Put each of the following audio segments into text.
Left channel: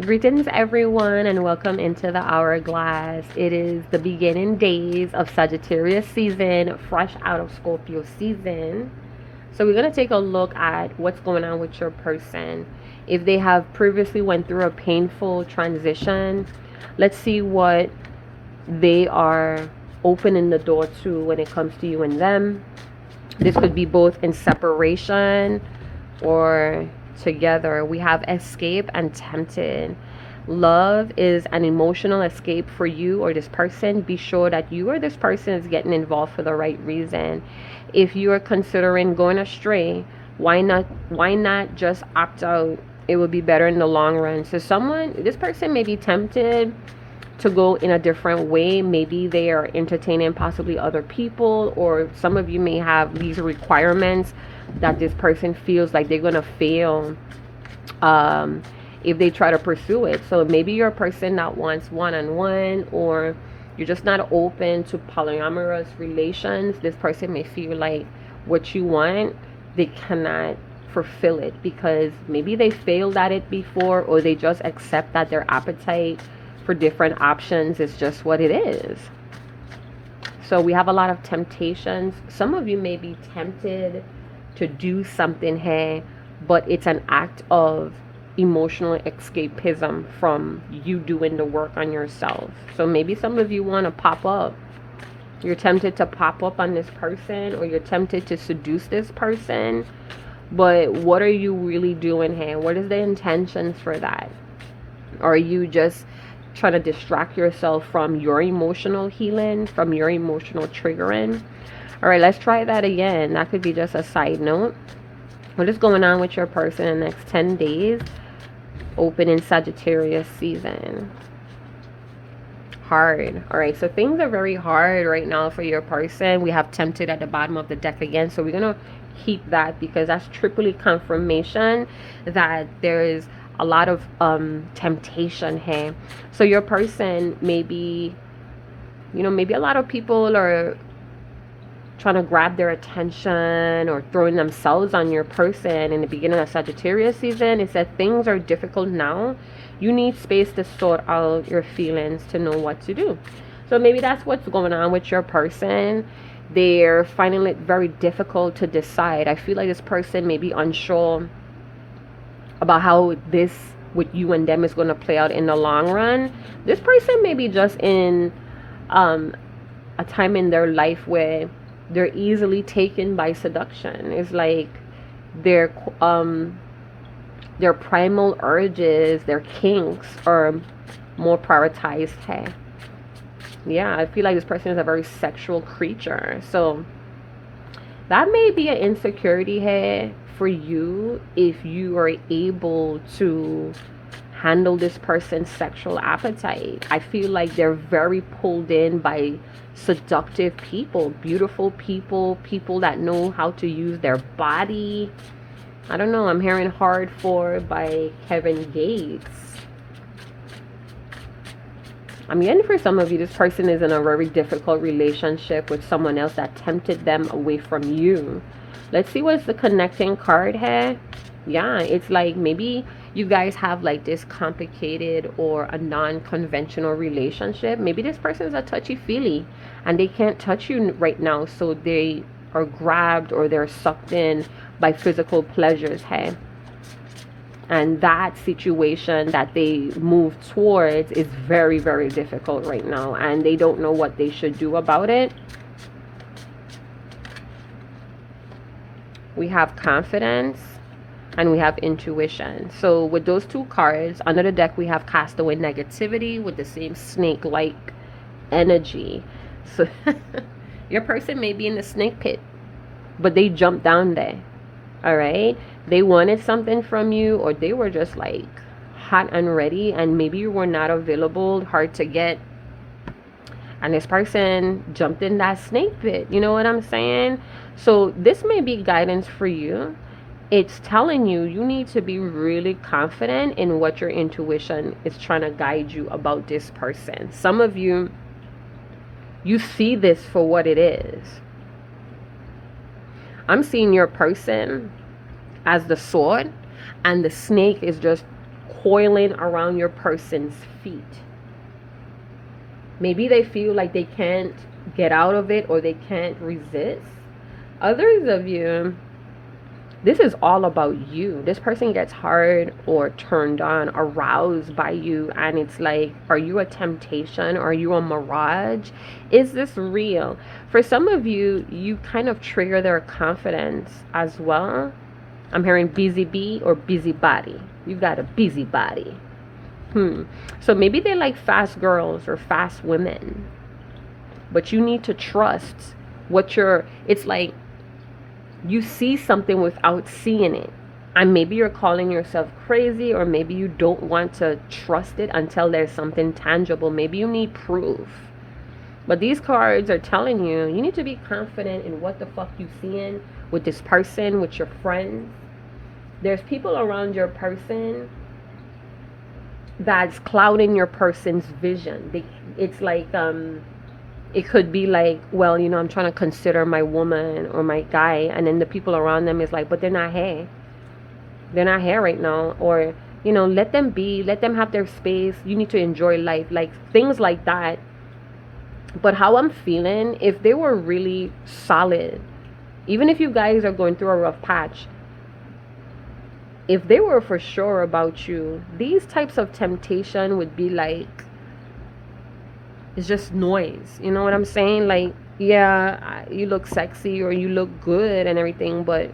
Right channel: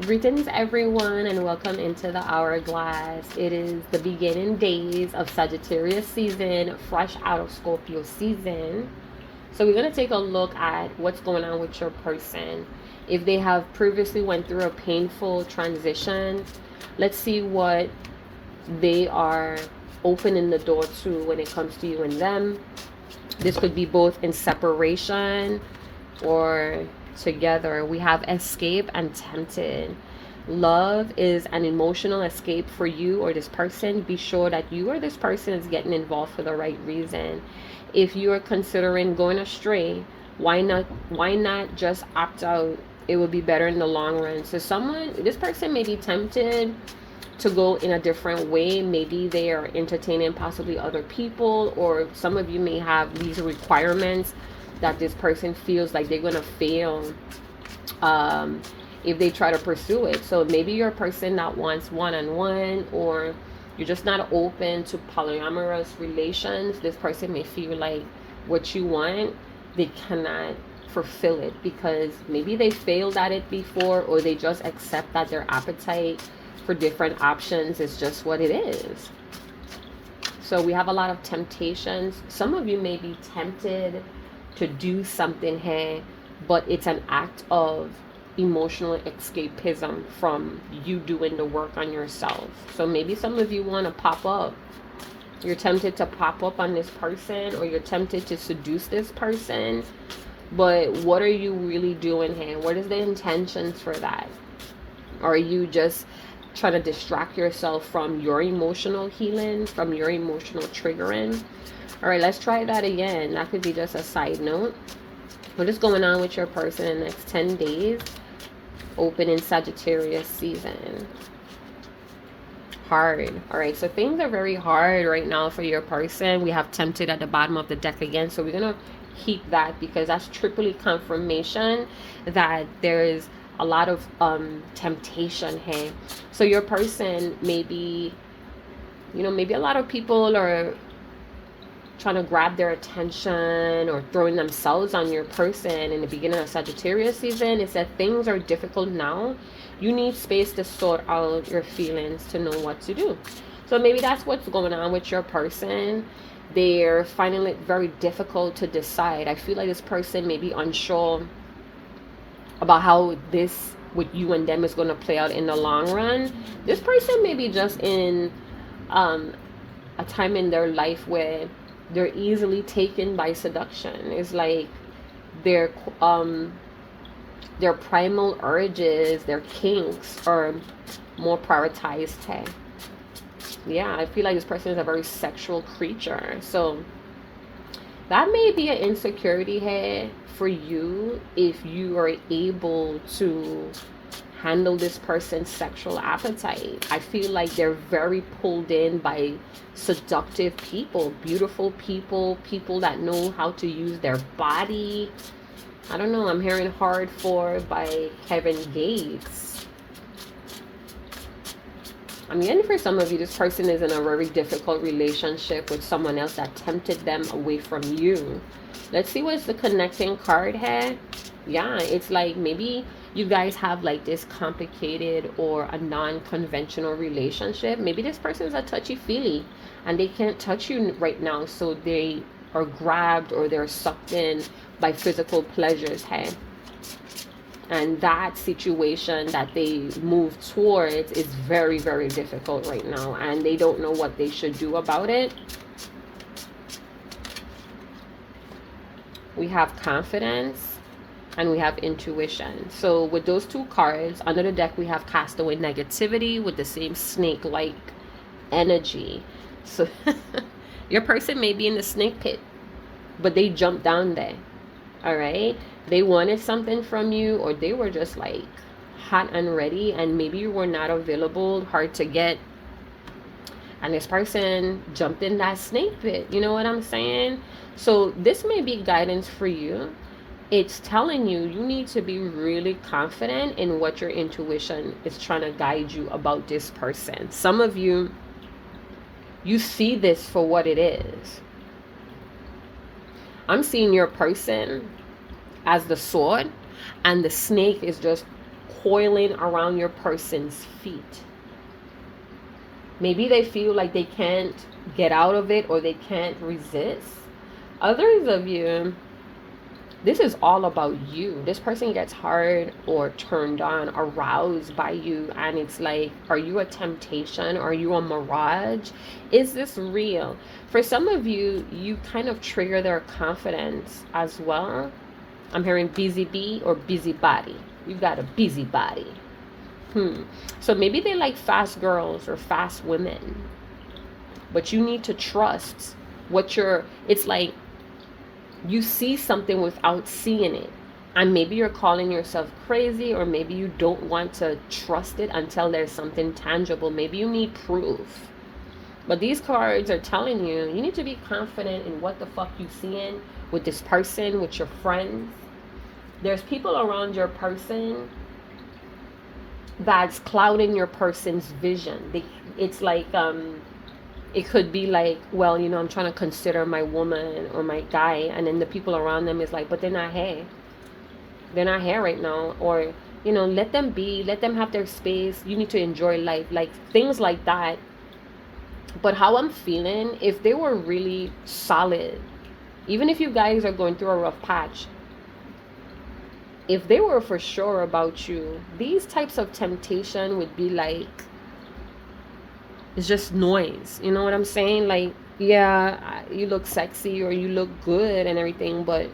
Greetings, everyone, and welcome into the Hourglass. It is the beginning days of Sagittarius season, fresh out of Scorpio season. So we're going to take a look at what's going on with your person. If they have previously went through a painful transition, let's see what they are opening the door to when it comes to you and them. This could be both in separation or together. We have escape and tempted. Love is an emotional escape for you or this person. Be sure that you or this person is getting involved for the right reason. If you are considering going astray, why not just opt out? It would be better in the long run. So this person may be tempted to go in a different way. Maybe they are entertaining possibly other people, or some of you may have these requirements that this person feels like they're gonna fail if they try to pursue it. So maybe you're a person that wants one-on-one, or you're just not open to polyamorous relations. This person may feel like what you want, they cannot fulfill it because maybe they failed at it before, or they just accept that their appetite for different options is just what it is. So we have a lot of temptations. Some of you may be tempted to do something here, but it's an act of emotional escapism from you doing the work on yourself. So maybe some of you want to pop up. You're tempted to pop up on this person, or you're tempted to seduce this person. But what are you really doing here? What is the intentions for that? Are you just trying to distract yourself from your emotional healing, from your emotional triggering? All right, let's try that again. That could be just a side note. What is going on with your person in the next 10 days? Open in Sagittarius season. Hard. All right, so things are very hard right now for your person. We have tempted at the bottom of the deck again. So we're going to keep that because that's triply confirmation that there is a lot of temptation here. So your person maybe, maybe a lot of people are trying to grab their attention or throwing themselves on your person in the beginning of Sagittarius season. It said things are difficult now. You need space to sort out your feelings to know what to do. So maybe that's what's going on with your person. They're finding it very difficult to decide. I feel like this person may be unsure about how this with you and them is going to play out in the long run. This person may be just in a time in their life where they're easily taken by seduction. It's like their primal urges, their kinks are more prioritized here. Yeah, I feel like this person is a very sexual creature. So that may be an insecurity here for you if you are able to handle this person's sexual appetite. I feel like they're very pulled in by seductive people, beautiful people, people that know how to use their body. I don't know, I'm hearing Hard For by Kevin Gates. I'm getting for some of you, this person is in a very difficult relationship with someone else that tempted them away from you. Let's see what's the connecting card here. Yeah, it's like maybe you guys have like this complicated or a non-conventional relationship. Maybe this person is a touchy-feely and they can't touch you right now, so they are grabbed or they're sucked in by physical pleasures here. And that situation that they move towards is very, very difficult right now, and they don't know what they should do about it. We have confidence and we have intuition. So with those two cards under the deck, we have cast away negativity with the same snake-like energy. So your person may be in the snake pit, but they jumped down there. All right, they wanted something from you, or they were just like hot and ready, and maybe you were not available, hard to get, and this person jumped in that snake pit. You know what I'm saying? So this may be guidance for you. It's telling you you need to be really confident in what your intuition is trying to guide you about this person. Some of you, you see this for what it is. I'm seeing your person as the sword, and the snake is just coiling around your person's feet. Maybe they feel like they can't get out of it or they can't resist. Others of you, this is all about you. This person gets hard or turned on, aroused by you, and it's like, are you a temptation? Are you a mirage? Is this real? For some of you, you kind of trigger their confidence as well. I'm hearing busy bee or busybody. You got a busybody. So maybe they like fast girls or fast women, but you need to trust what you're, it's like you see something without seeing it. And maybe you're calling yourself crazy, or maybe you don't want to trust it until there's something tangible. Maybe you need proof. But these cards are telling you, you need to be confident in what the fuck you seeing with this person, with your friends. There's people around your person that's clouding your person's vision. It's like, it could be like, well, you know, I'm trying to consider my woman or my guy, and then the people around them is like, but they're not here. They're not here right now. Or, you know, let them be, let them have their space. You need to enjoy life. Like things like that. But how I'm feeling, if they were really solid, even if you guys are going through a rough patch, if they were for sure about you, these types of temptation would be like, it's just noise. You know what I'm saying? Like, yeah, you look sexy or you look good and everything, but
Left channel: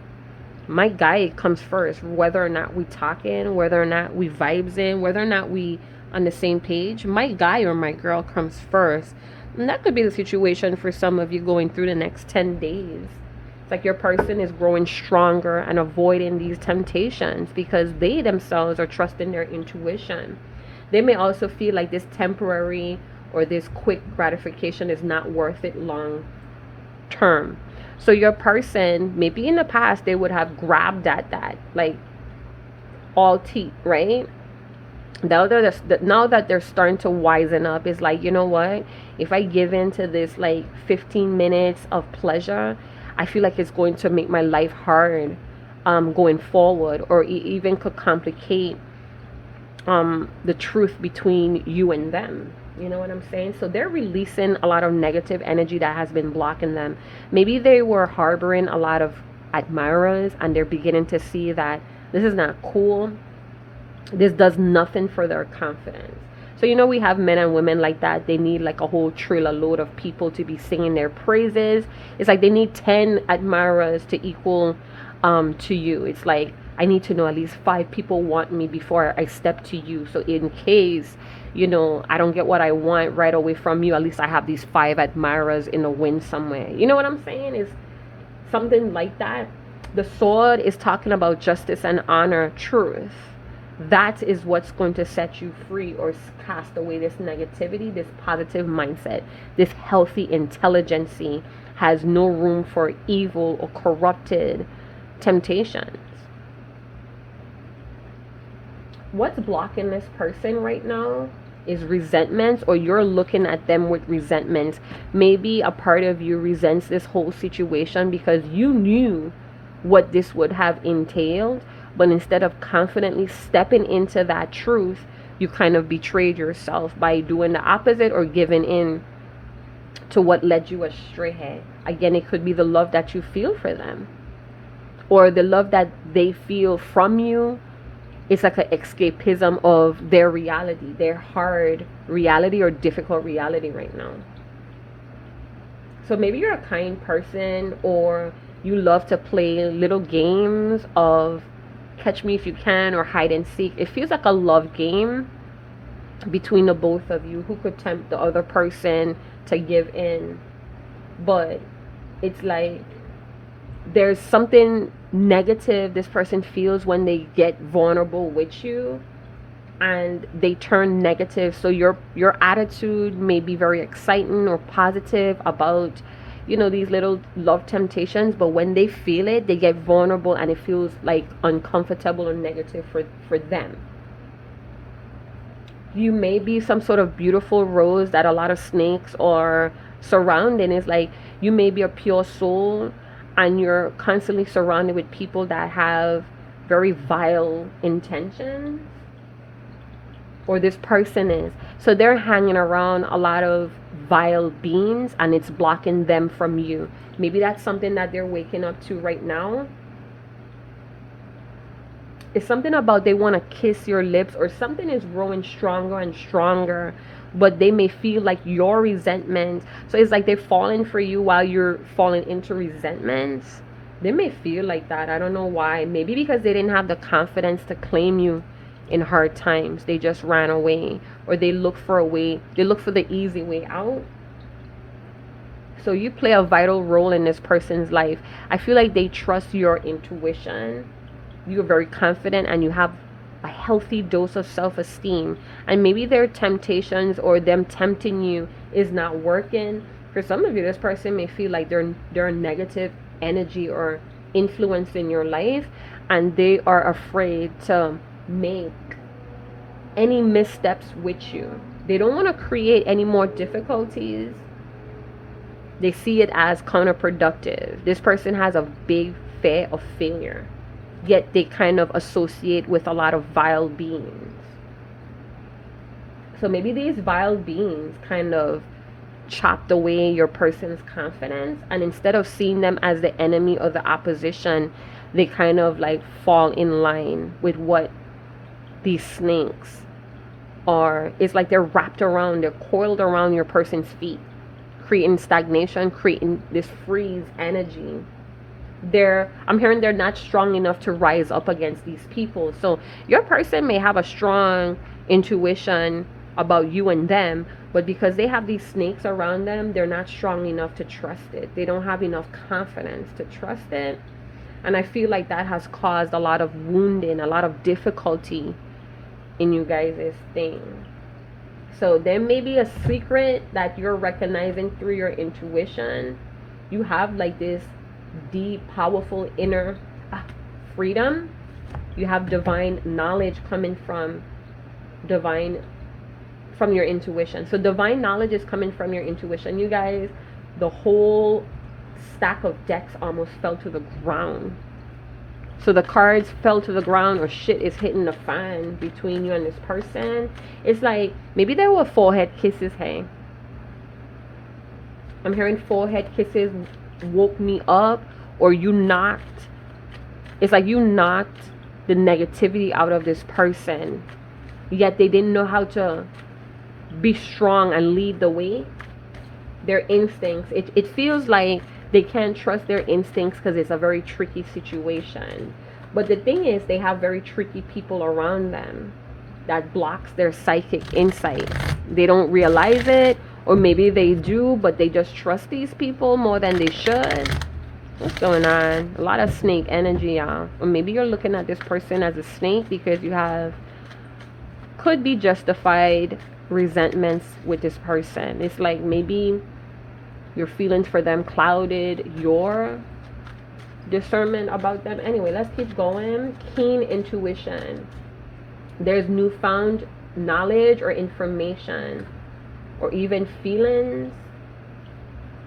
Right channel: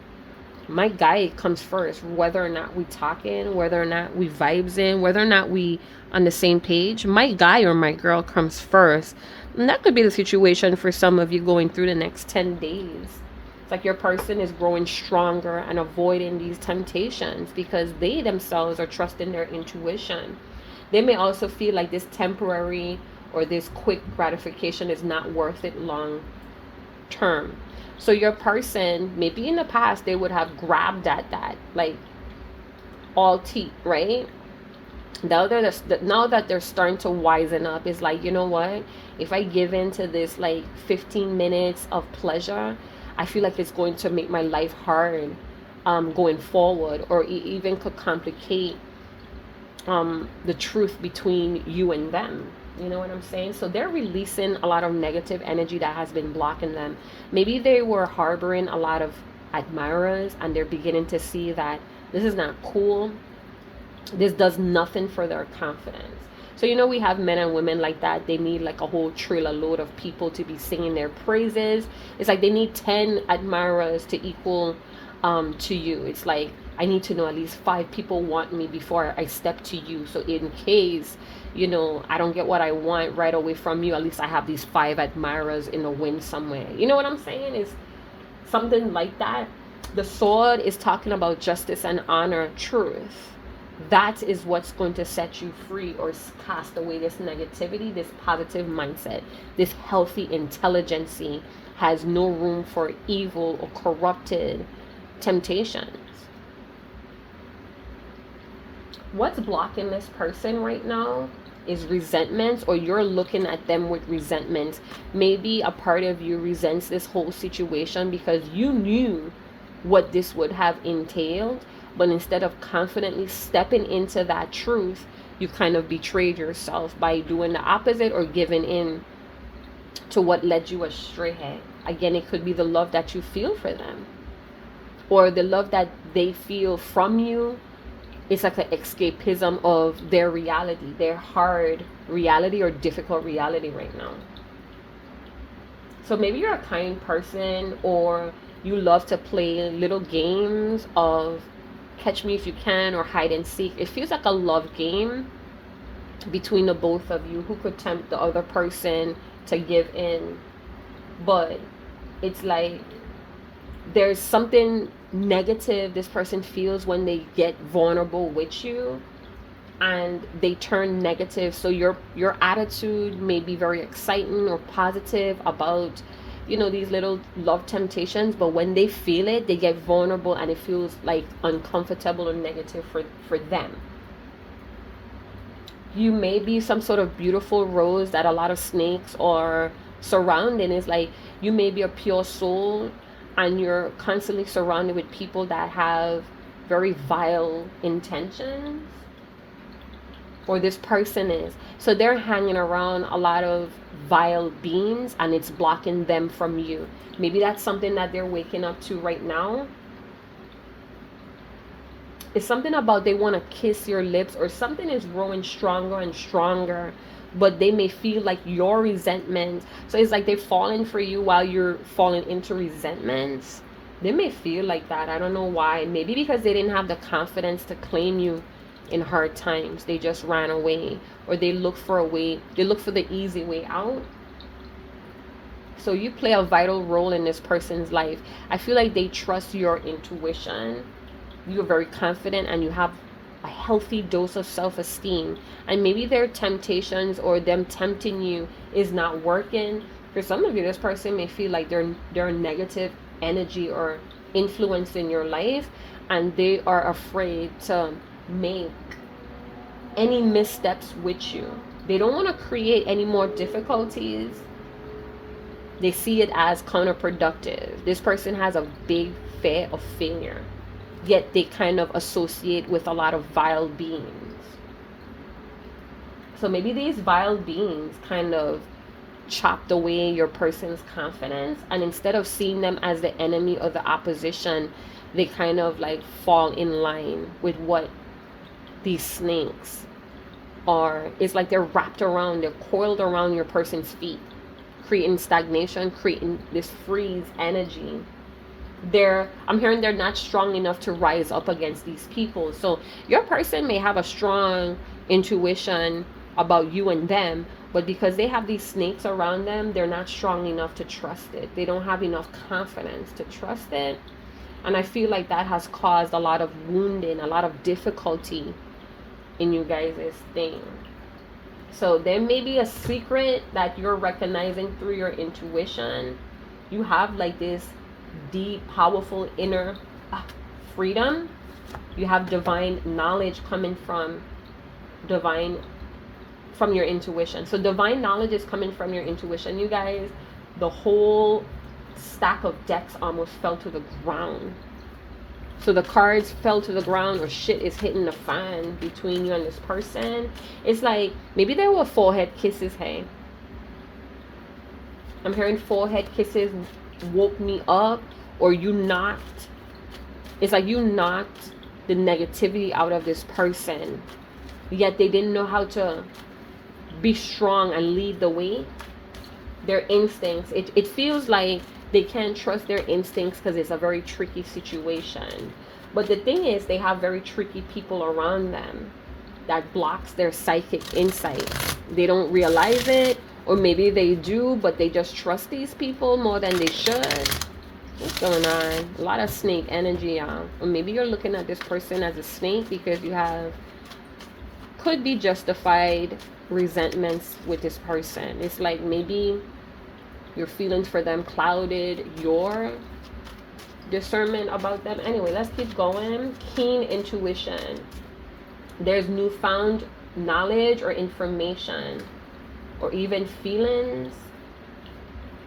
my guy comes first. Whether or not we talking, whether or not we vibes in, whether or not we on the same page, my guy or my girl comes first. And that could be the situation for some of you going through the next 10 days. It's like your person is growing stronger and avoiding these temptations because they themselves are trusting their intuition. They may also feel like this temporary or this quick gratification is not worth it long term. So your person, maybe in the past, they would have grabbed at that, like all teeth, right? Now that they're starting to wisen up, it's like, you know what? If I give in to this like 15 minutes of pleasure, I feel like it's going to make my life hard going forward, or even could complicate the truth between you and them. You know what I'm saying? So they're releasing a lot of negative energy that has been blocking them. Maybe they were harboring a lot of admirers and they're beginning to see that this is not cool. This does nothing for their confidence. So, you know, we have men and women like that. They need like a whole trailer load of people to be singing their praises. It's like they need 10 admirers to equal to you. It's like, I need to know at least 5 people want me before I step to you. So in case, you know, I don't get what I want right away from you, at least I have these 5 admirers in a win somewhere. You know what I'm saying? Is something like that. The sword is talking about justice and honor, truth. That is what's going to set you free or cast away this negativity. This positive mindset, this healthy intelligence has no room for evil or corrupted temptations. What's blocking this person right now is resentments, or you're looking at them with resentments. Maybe a part of you resents this whole situation because you knew what this would have entailed, but instead of confidently stepping into that truth, you kind of betrayed yourself by doing the opposite or giving in to what led you astray. Again, it could be the love that you feel for them, or the love that they feel from you. It's like an escapism of their reality, their hard reality or difficult reality right now. So maybe you're a kind person, or you love to play little games of catch me if you can or hide and seek. It feels like a love game between the both of you. Who could tempt the other person to give in? But it's like there's something negative this person feels when they get vulnerable with you, and they turn negative. So your attitude may be very exciting or positive about, you know, these little love temptations, but when they feel it, they get vulnerable and it feels like uncomfortable or negative for them. You may be some sort of beautiful rose that a lot of snakes are surrounding. It's like you may be a pure soul and you're constantly surrounded with people that have very vile intentions. or this person is. So they're hanging around a lot of vile beings and it's blocking them from you. Maybe that's something that they're waking up to right now. It's something about they want to kiss your lips, or something is growing stronger and stronger, but they may feel like your resentment. So it's like they're falling for you while you're falling into resentments. They may feel like that. I don't know why. Maybe because they didn't have the confidence to claim you in hard times. They just ran away, or they look for a way. They look for the easy way out. So you play a vital role in this person's life. I feel like they trust your intuition. You're very confident and you have a healthy dose of self-esteem. And maybe their temptations or them tempting you is not working. For some of you, this person may feel like they're negative energy or influence in your life, and they are afraid to make any missteps with you. They don't want to create any more difficulties. They see it as counterproductive. This person has a big fear of failure, yet they kind of associate with a lot of vile beings. So maybe these vile beings kind of chopped away your person's confidence, and instead of seeing them as the enemy or the opposition, they kind of like fall in line with what these snakes are. It's like they're wrapped around, they're coiled around your person's feet, creating stagnation, creating this freeze energy. I'm hearing they're not strong enough to rise up against these people. So your person may have a strong intuition about you and them, but because they have these snakes around them, they're not strong enough to trust it. They don't have enough confidence to trust it. And I feel like that has caused a lot of wounding, a lot of difficulty in you guys' thing. So there may be a secret that you're recognizing through your intuition. You have like this deep, powerful inner freedom. You have divine knowledge coming from your intuition. So divine knowledge is coming from your intuition. You guys, the whole stack of decks almost fell to the ground. So the cards fell to the ground, or shit is hitting the fan between you and this person. It's like maybe there were forehead kisses. Hey, I'm hearing forehead kisses woke me up, or you knocked. It's like you knocked the negativity out of this person, yet they didn't know how to be strong and lead the way. Their instincts, it feels like they can't trust their instincts because it's a very tricky situation. But the thing is, they have very tricky people around them that blocks their psychic insight. They don't realize it, or maybe they do, but they just trust these people more than they should. What's going on? A lot of snake energy, y'all. Or maybe you're looking at this person as a snake because you have, could be justified resentments with this person. It's like maybe your feelings for them clouded your discernment about them. Anyway, let's keep going. Keen intuition. There's newfound knowledge or information, or even feelings.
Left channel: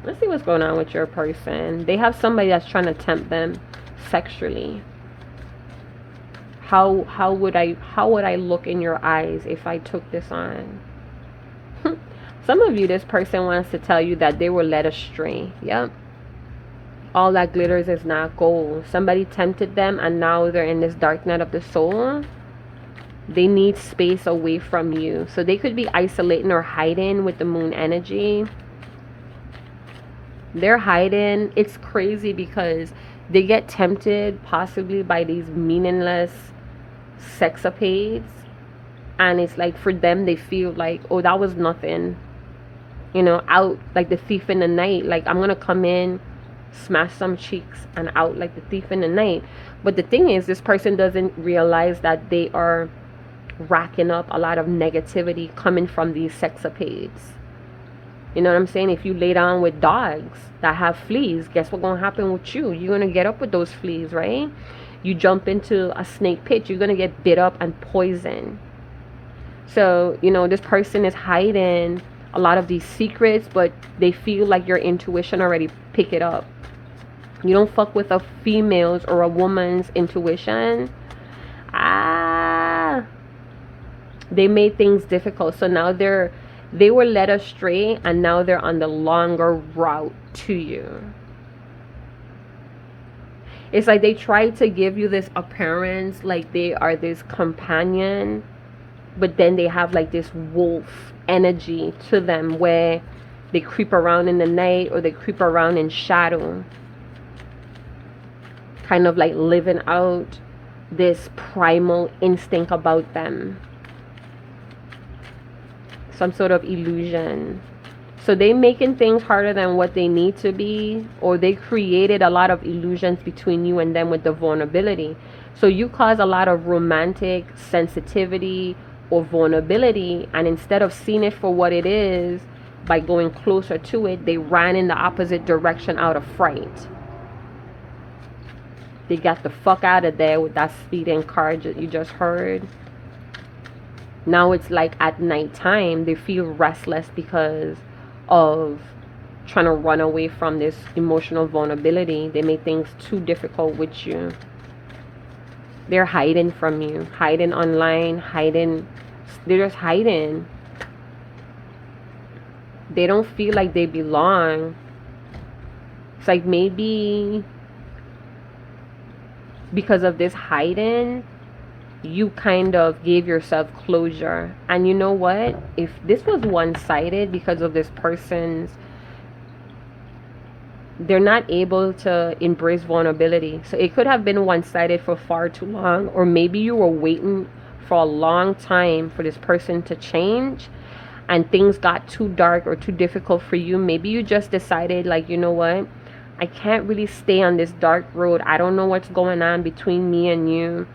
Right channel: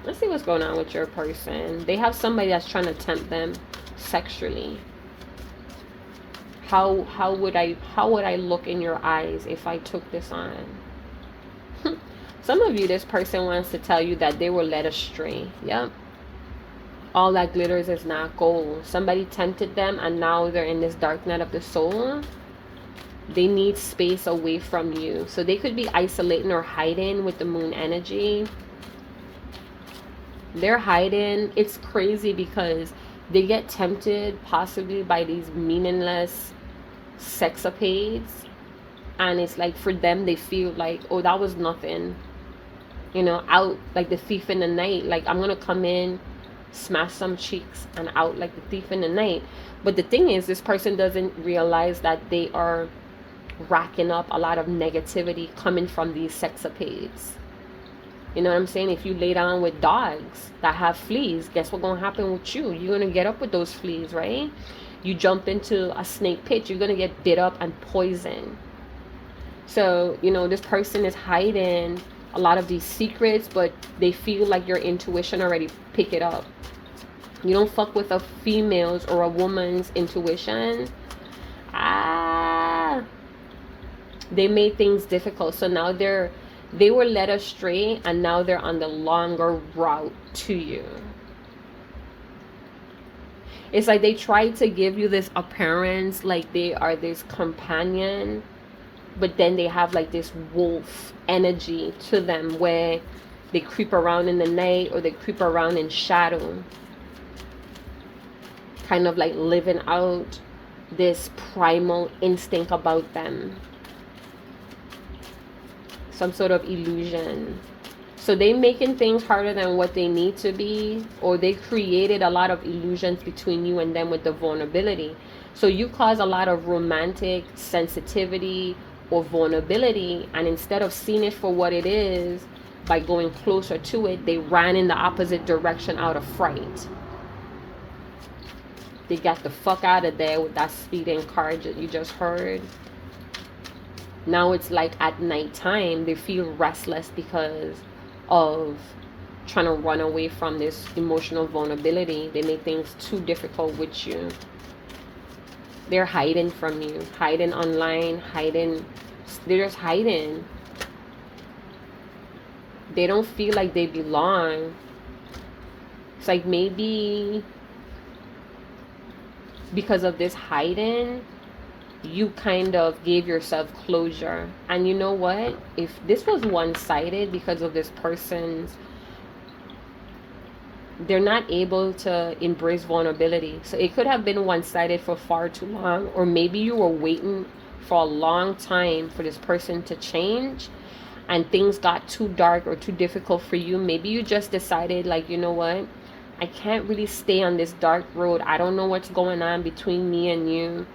Let's see what's going on with your person. They have somebody that's trying to tempt them sexually. How would I look in your eyes if I took this on? Some of you, this person wants to tell you that they were led astray. Yep. All that glitters is not gold. Somebody tempted them and now they're in this dark night of the soul. They need space away from you. So they could be isolating or hiding with the moon energy. They're hiding. It's crazy because they get tempted possibly by these meaningless sexapades. And it's like for them, they feel like, oh, that was nothing. You know, out like the thief in the night. Like, I'm going to come in, smash some cheeks, and out like the thief in the night. But the thing is, this person doesn't realize that they are racking up a lot of negativity coming from these sexapades. You know what I'm saying? If you lay down with dogs that have fleas, guess what's going to happen with you? You're going to get up with those fleas, right? You jump into a snake pit, you're going to get bit up and poisoned. So, you know, this person is hiding a lot of these secrets, but they feel like your intuition already pick it up. You don't fuck with a female's or a woman's intuition. They made things difficult. So now they were led astray, and now they're on the longer route to you. It's like they try to give you this appearance like they are this companion, but then they have like this wolf energy to them where they creep around in the night or they creep around in shadow, kind of like living out this primal instinct about them, some sort of illusion. So they making things harder than what they need to be, or they created a lot of illusions between you and them with the vulnerability. So you cause a lot of romantic sensitivity or vulnerability, and instead of seeing it for what it is, by going closer to it, they ran in the opposite direction out of fright. They got the fuck out of there with that speeding car that you just heard. Now it's like at nighttime, they feel restless because of trying to run away from this emotional vulnerability. They make things too difficult with you. They're hiding from you, hiding online, hiding. They're just hiding. They don't feel like they belong. It's like maybe because of this hiding, you kind of gave yourself closure. And you know what? If this was one-sided because of this person's, they're not able to embrace vulnerability. So it could have been one-sided for far too long, or maybe you were waiting for a long time for this person to change and things got too dark or too difficult for you. Maybe you just decided, like, you know what? I can't really stay on this dark road. I don't know what's going on between me and you.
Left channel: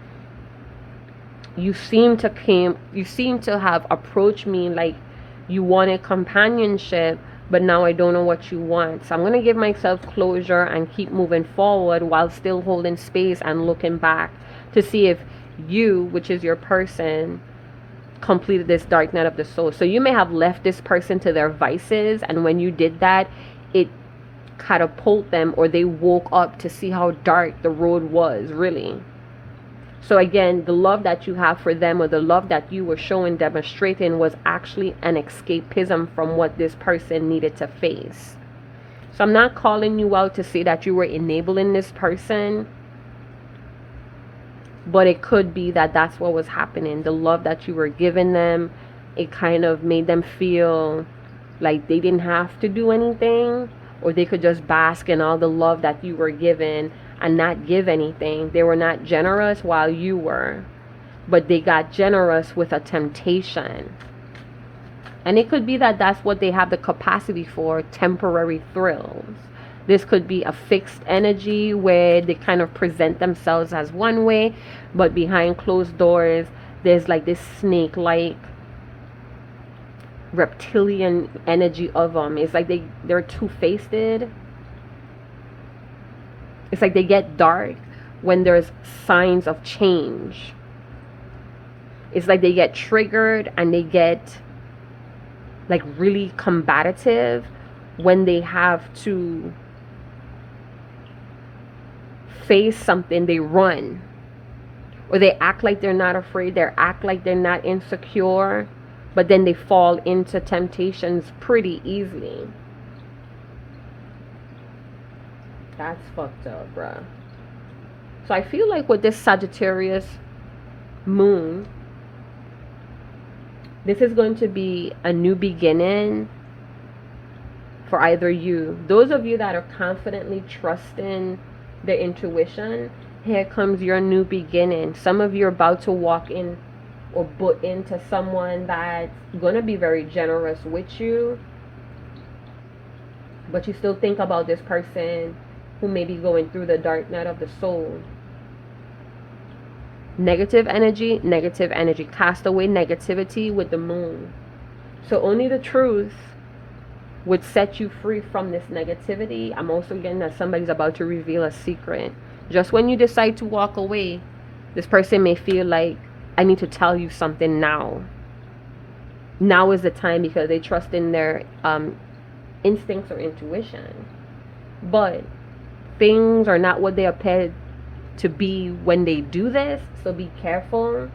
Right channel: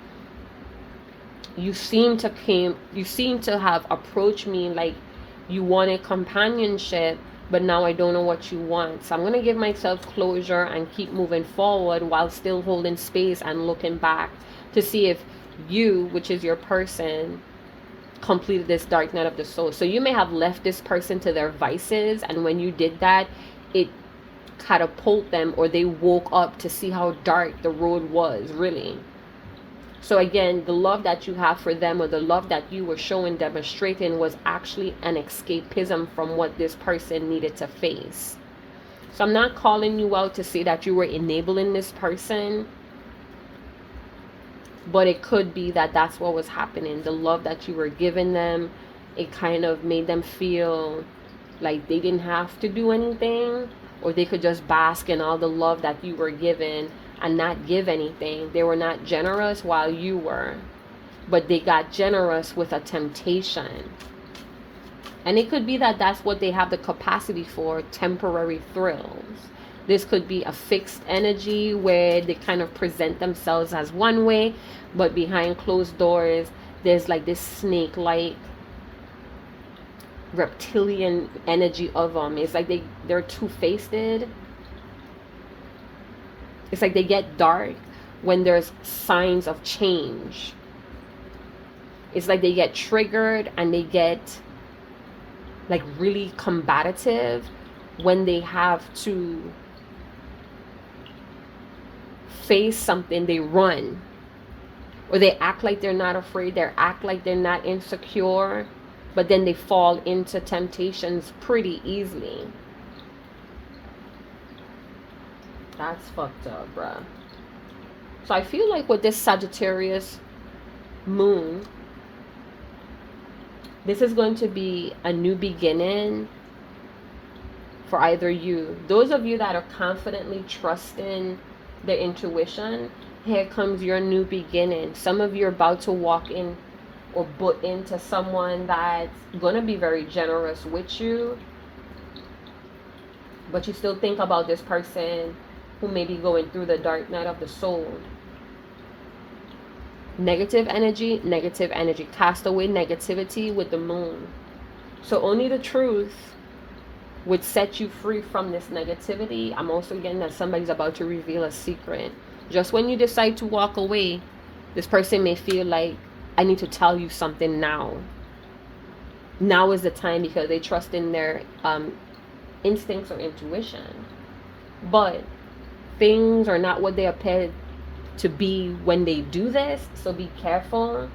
You seem to have approached me like you wanted companionship, but now I don't know what you want. So I'm going to give myself closure and keep moving forward while still holding space and looking back to see if you, which is your person, completed this dark night of the soul. So you may have left this person to their vices, and when you did that, it catapulted them, or they woke up to see how dark the road was really. So again, the love that you have for them, or the love that you were showing, demonstrating, was actually an escapism from what this person needed to face. So I'm not calling you out to say that you were enabling this person, but it could be that that's what was happening. The love that you were giving them, it kind of made them feel like they didn't have to do anything, or they could just bask in all the love that you were giving and not give anything. They were not generous while you were, but they got generous with a temptation. And it could be that that's what they have the capacity for, temporary thrills. This could be a fixed energy where they kind of present themselves as one way, but behind closed doors, there's like this snake-like reptilian energy of them. It's like they're two-faced. It's like they get dark when there's signs of change. It's like they get triggered and they get like really combative when they have to face something. They run, or they act like they're not afraid. They act like they're not insecure, but then they fall into temptations pretty easily. That's fucked up, bruh. So I feel like with this Sagittarius moon, this is going to be a new beginning for either you. Those of you that are confidently trusting their intuition, here comes your new beginning. Some of you are about to walk in or butt into someone that's going to be very generous with you, but you still think about this person who may be going through the dark night of the soul. Negative energy. Cast away negativity with the moon. So only the truth would set you free from this negativity. I'm also getting that somebody's about to reveal a secret. Just when you decide to walk away, this person may feel like, I need to tell you something now. Now is the time, because they trust in their instincts or intuition. But things are not what they appear to be when they do this. So be careful.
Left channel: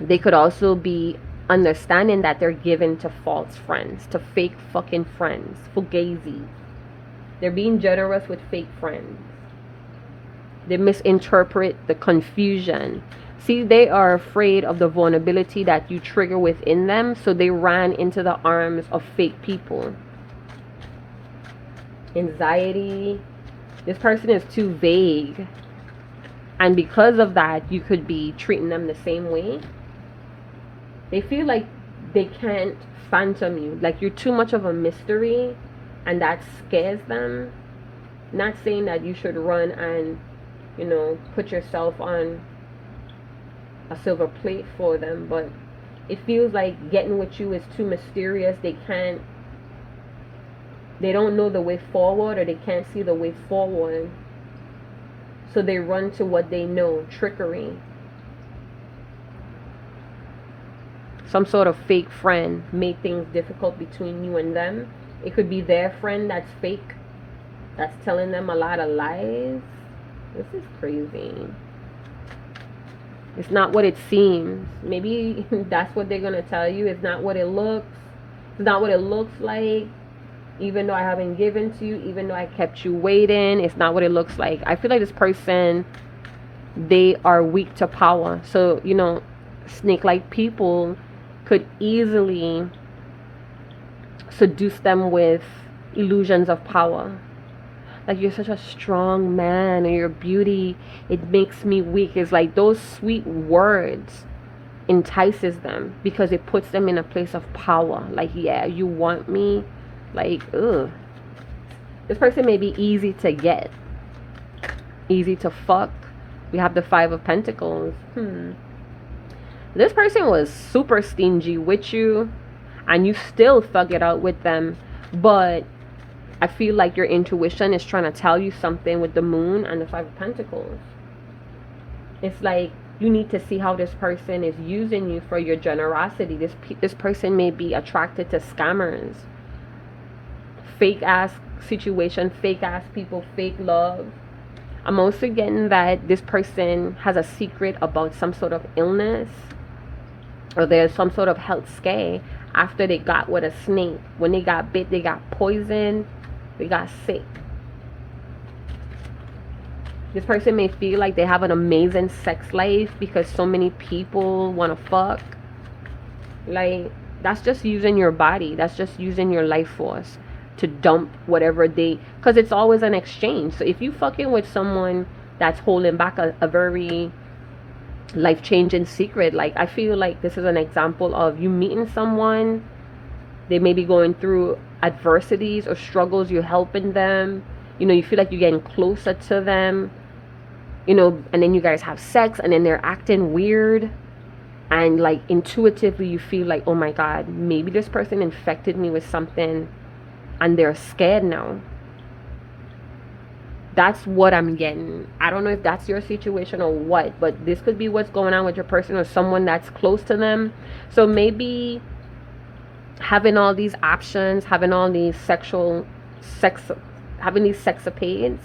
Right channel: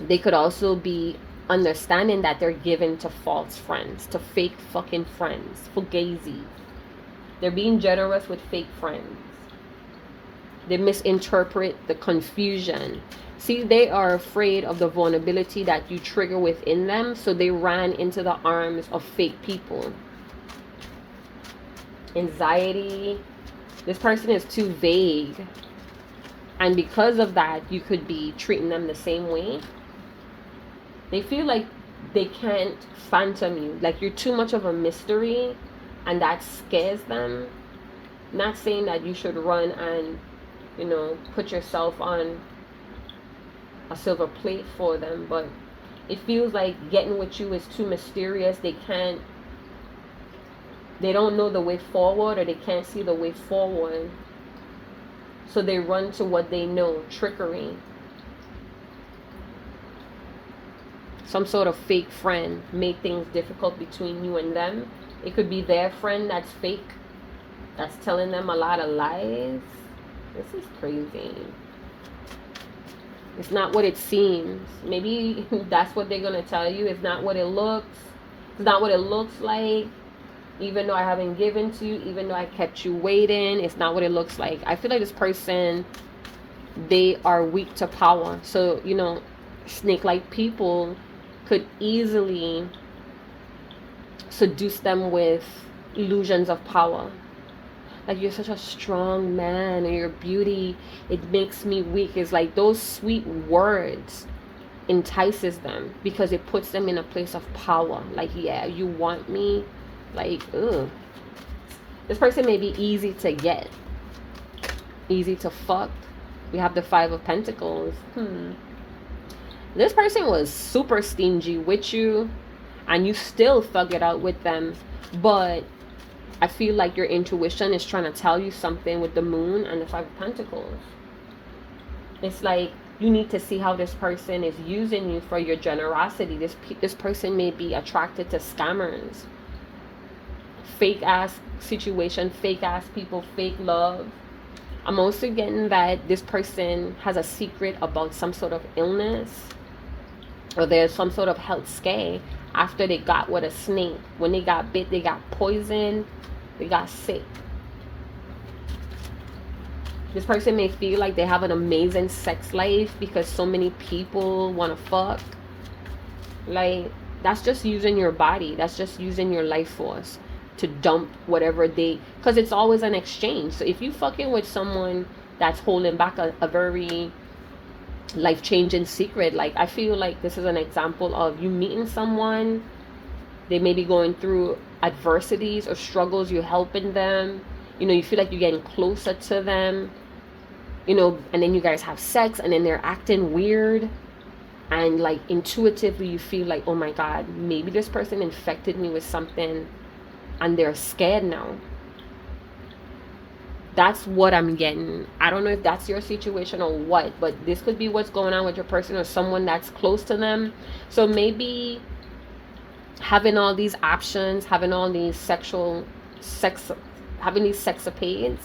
They could also be understanding that they're given to false friends, to fake fucking friends, fugazi. They're being generous with fake friends. They misinterpret the confusion. See, they are afraid of the vulnerability that you trigger within them, so they ran into the arms of fake people. Anxiety. This person is too vague. And because of that, you could be treating them the same way. They feel like they can't phantom you. Like you're too much of a mystery, and that scares them. Not saying that you should run and, put yourself on a silver plate for them, but it feels like getting with you is too mysterious. They don't know the way forward, or they can't see the way forward. So they run to what they know, trickery. Some sort of fake friend made things difficult between you and them. It could be their friend that's fake, that's telling them a lot of lies. This is crazy. It's not what it seems. Maybe that's what they're going to tell you. It's not what it looks. It's not what it looks like. Even though I haven't given to you, even though I kept you waiting, it's not what it looks like. I feel like this person, they are weak to power. So, snake-like people could easily seduce them with illusions of power. Like, you're such a strong man, or your beauty, it makes me weak. It's like those sweet words entices them because it puts them in a place of power. Like, yeah, you want me? Like, ugh. This person may be easy to get, easy to fuck. We have the 5 of Pentacles. This person was super stingy with you, and you still thug it out with them. But I feel like your intuition is trying to tell you something with the Moon and the 5 of Pentacles. It's like you need to see how this person is using you for your generosity. This person may be attracted to scammers. Fake ass situation, fake ass people, fake love. I'm also getting that this person has a secret about some sort of illness, or there's some sort of health scare after they got with a snake. When they got bit, they got poisoned, they got sick. This person may feel like they have an amazing sex life because so many people want to fuck. Like, that's just using your body. That's just using your life force to dump whatever because it's always an exchange. So if you fucking with someone that's holding back a very life-changing secret, like, I feel like this is an example of you meeting someone, they may be going through adversities or struggles, you're helping them, you feel like you're getting closer to them, and then you guys have sex, and then they're acting weird, and like intuitively you feel like, oh my god, maybe this person infected me with something and they're scared now. That's what I'm getting. I don't know if that's your situation or what, but this could be what's going on with your person or someone that's close to them. So maybe having all these options, having all these having these sexapades,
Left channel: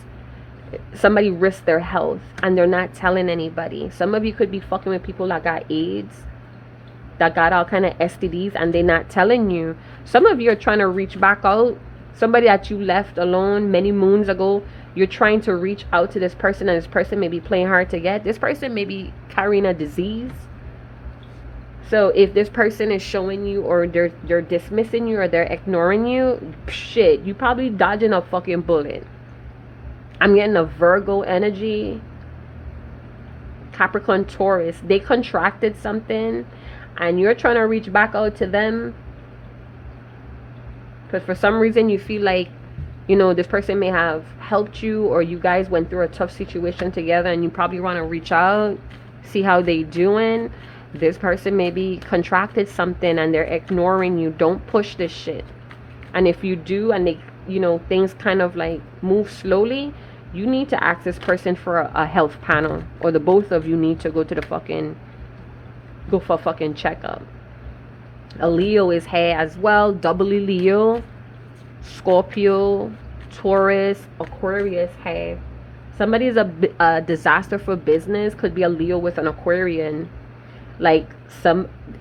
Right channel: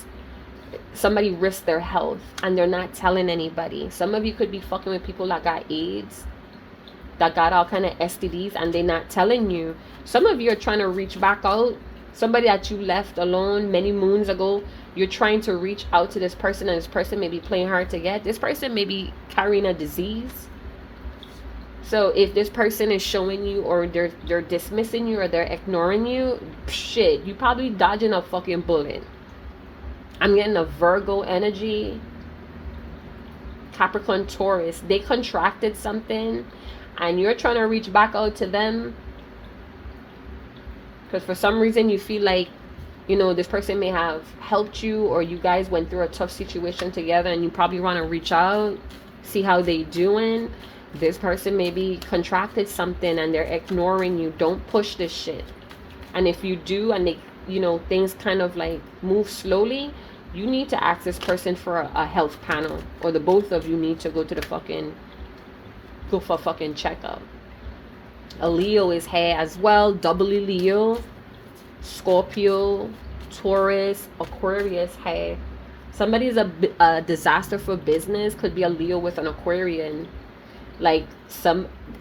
somebody risked their health and they're not telling anybody. Some of you could be fucking with people that got AIDS, that got all kind of STDs, and they're not telling you. Some of you are trying to reach back out. Somebody that you left alone many moons ago, you're trying to reach out to this person, and this person may be playing hard to get. This person may be carrying a disease. So if this person is showing you, or they're dismissing you, or they're ignoring you, shit, you probably dodging a fucking bullet. I'm getting a Virgo energy, Capricorn, Taurus. They contracted something, and you're trying to reach back out to them because for some reason you feel like, this person may have helped you, or you guys went through a tough situation together, and you probably want to reach out, see how they doing. This person maybe contracted something and they're ignoring you. Don't push this shit. And if you do, and they, things kind of like move slowly, you need to ask this person for a health panel, or the both of you need to go for a fucking checkup. A Leo is here as well, doubly Leo, Scorpio, Taurus, Aquarius here. Somebody's a disaster for business, could be a Leo with an Aquarian. Like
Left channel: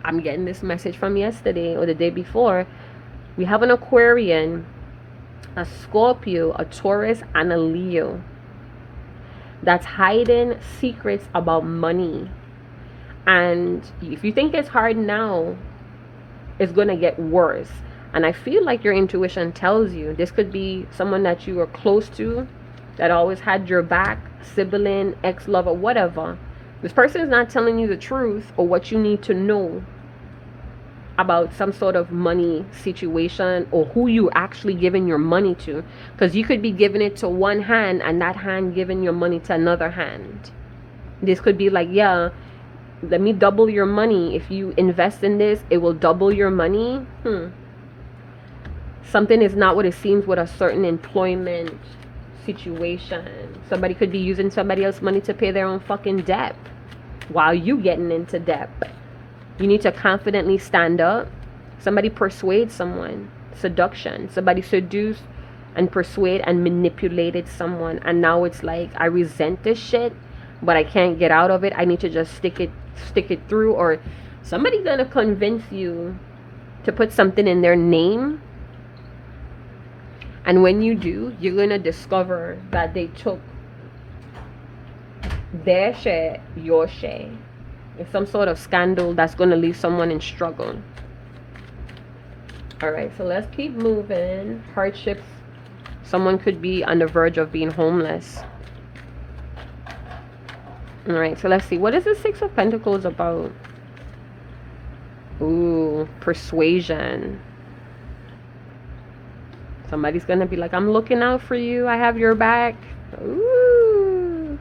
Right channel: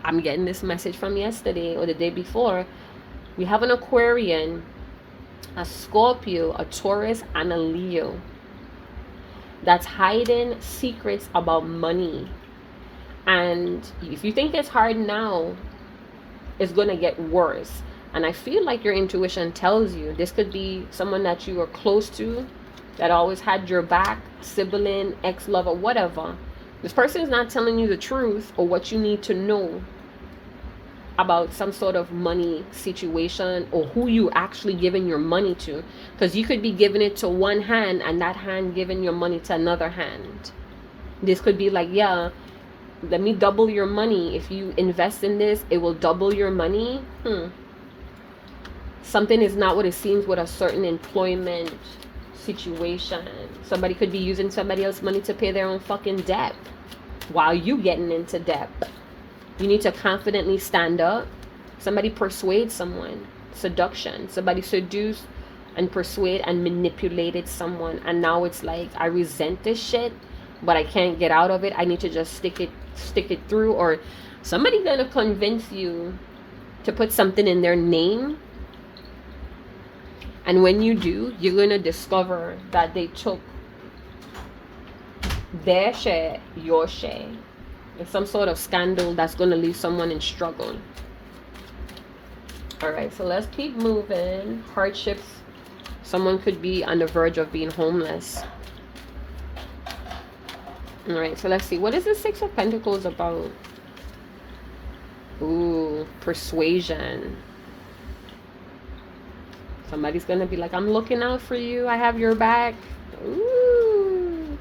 I'm getting this message from yesterday or the day before. We have an Aquarian, a Scorpio, a Taurus, and a Leo that's hiding secrets about money. And if you think it's hard now, it's going to get worse. And I feel like your intuition tells you this could be someone that you are close to, that always had your back, sibling, ex-lover, whatever. This person is not telling you the truth or what you need to know about some sort of money situation or who you actually giving your money to. Because you could be giving it to one hand and that hand giving your money to another hand. This could be like, yeah, let me double your money. If you invest in this, it will double your money. Something is not what it seems with a certain employment situation. Somebody could be using somebody else's money to pay their own fucking debt while you getting into debt. You need to confidently stand up. Somebody persuade someone. Seduction. Somebody seduced and persuade and manipulated someone, and now it's like, I resent this shit, but I can't get out of it. I need to just stick it through. Or somebody gonna convince you to put something in their name, and when you do, you're gonna discover that they took their share, your share. It's some sort of scandal that's gonna leave someone in struggle. All right, so let's keep moving. Hardships. Someone could be on the verge of being homeless. All right, so let's see. What is the Six of Pentacles about? Ooh, persuasion. Somebody's going to be like, I'm looking out for you. I have your back. Ooh.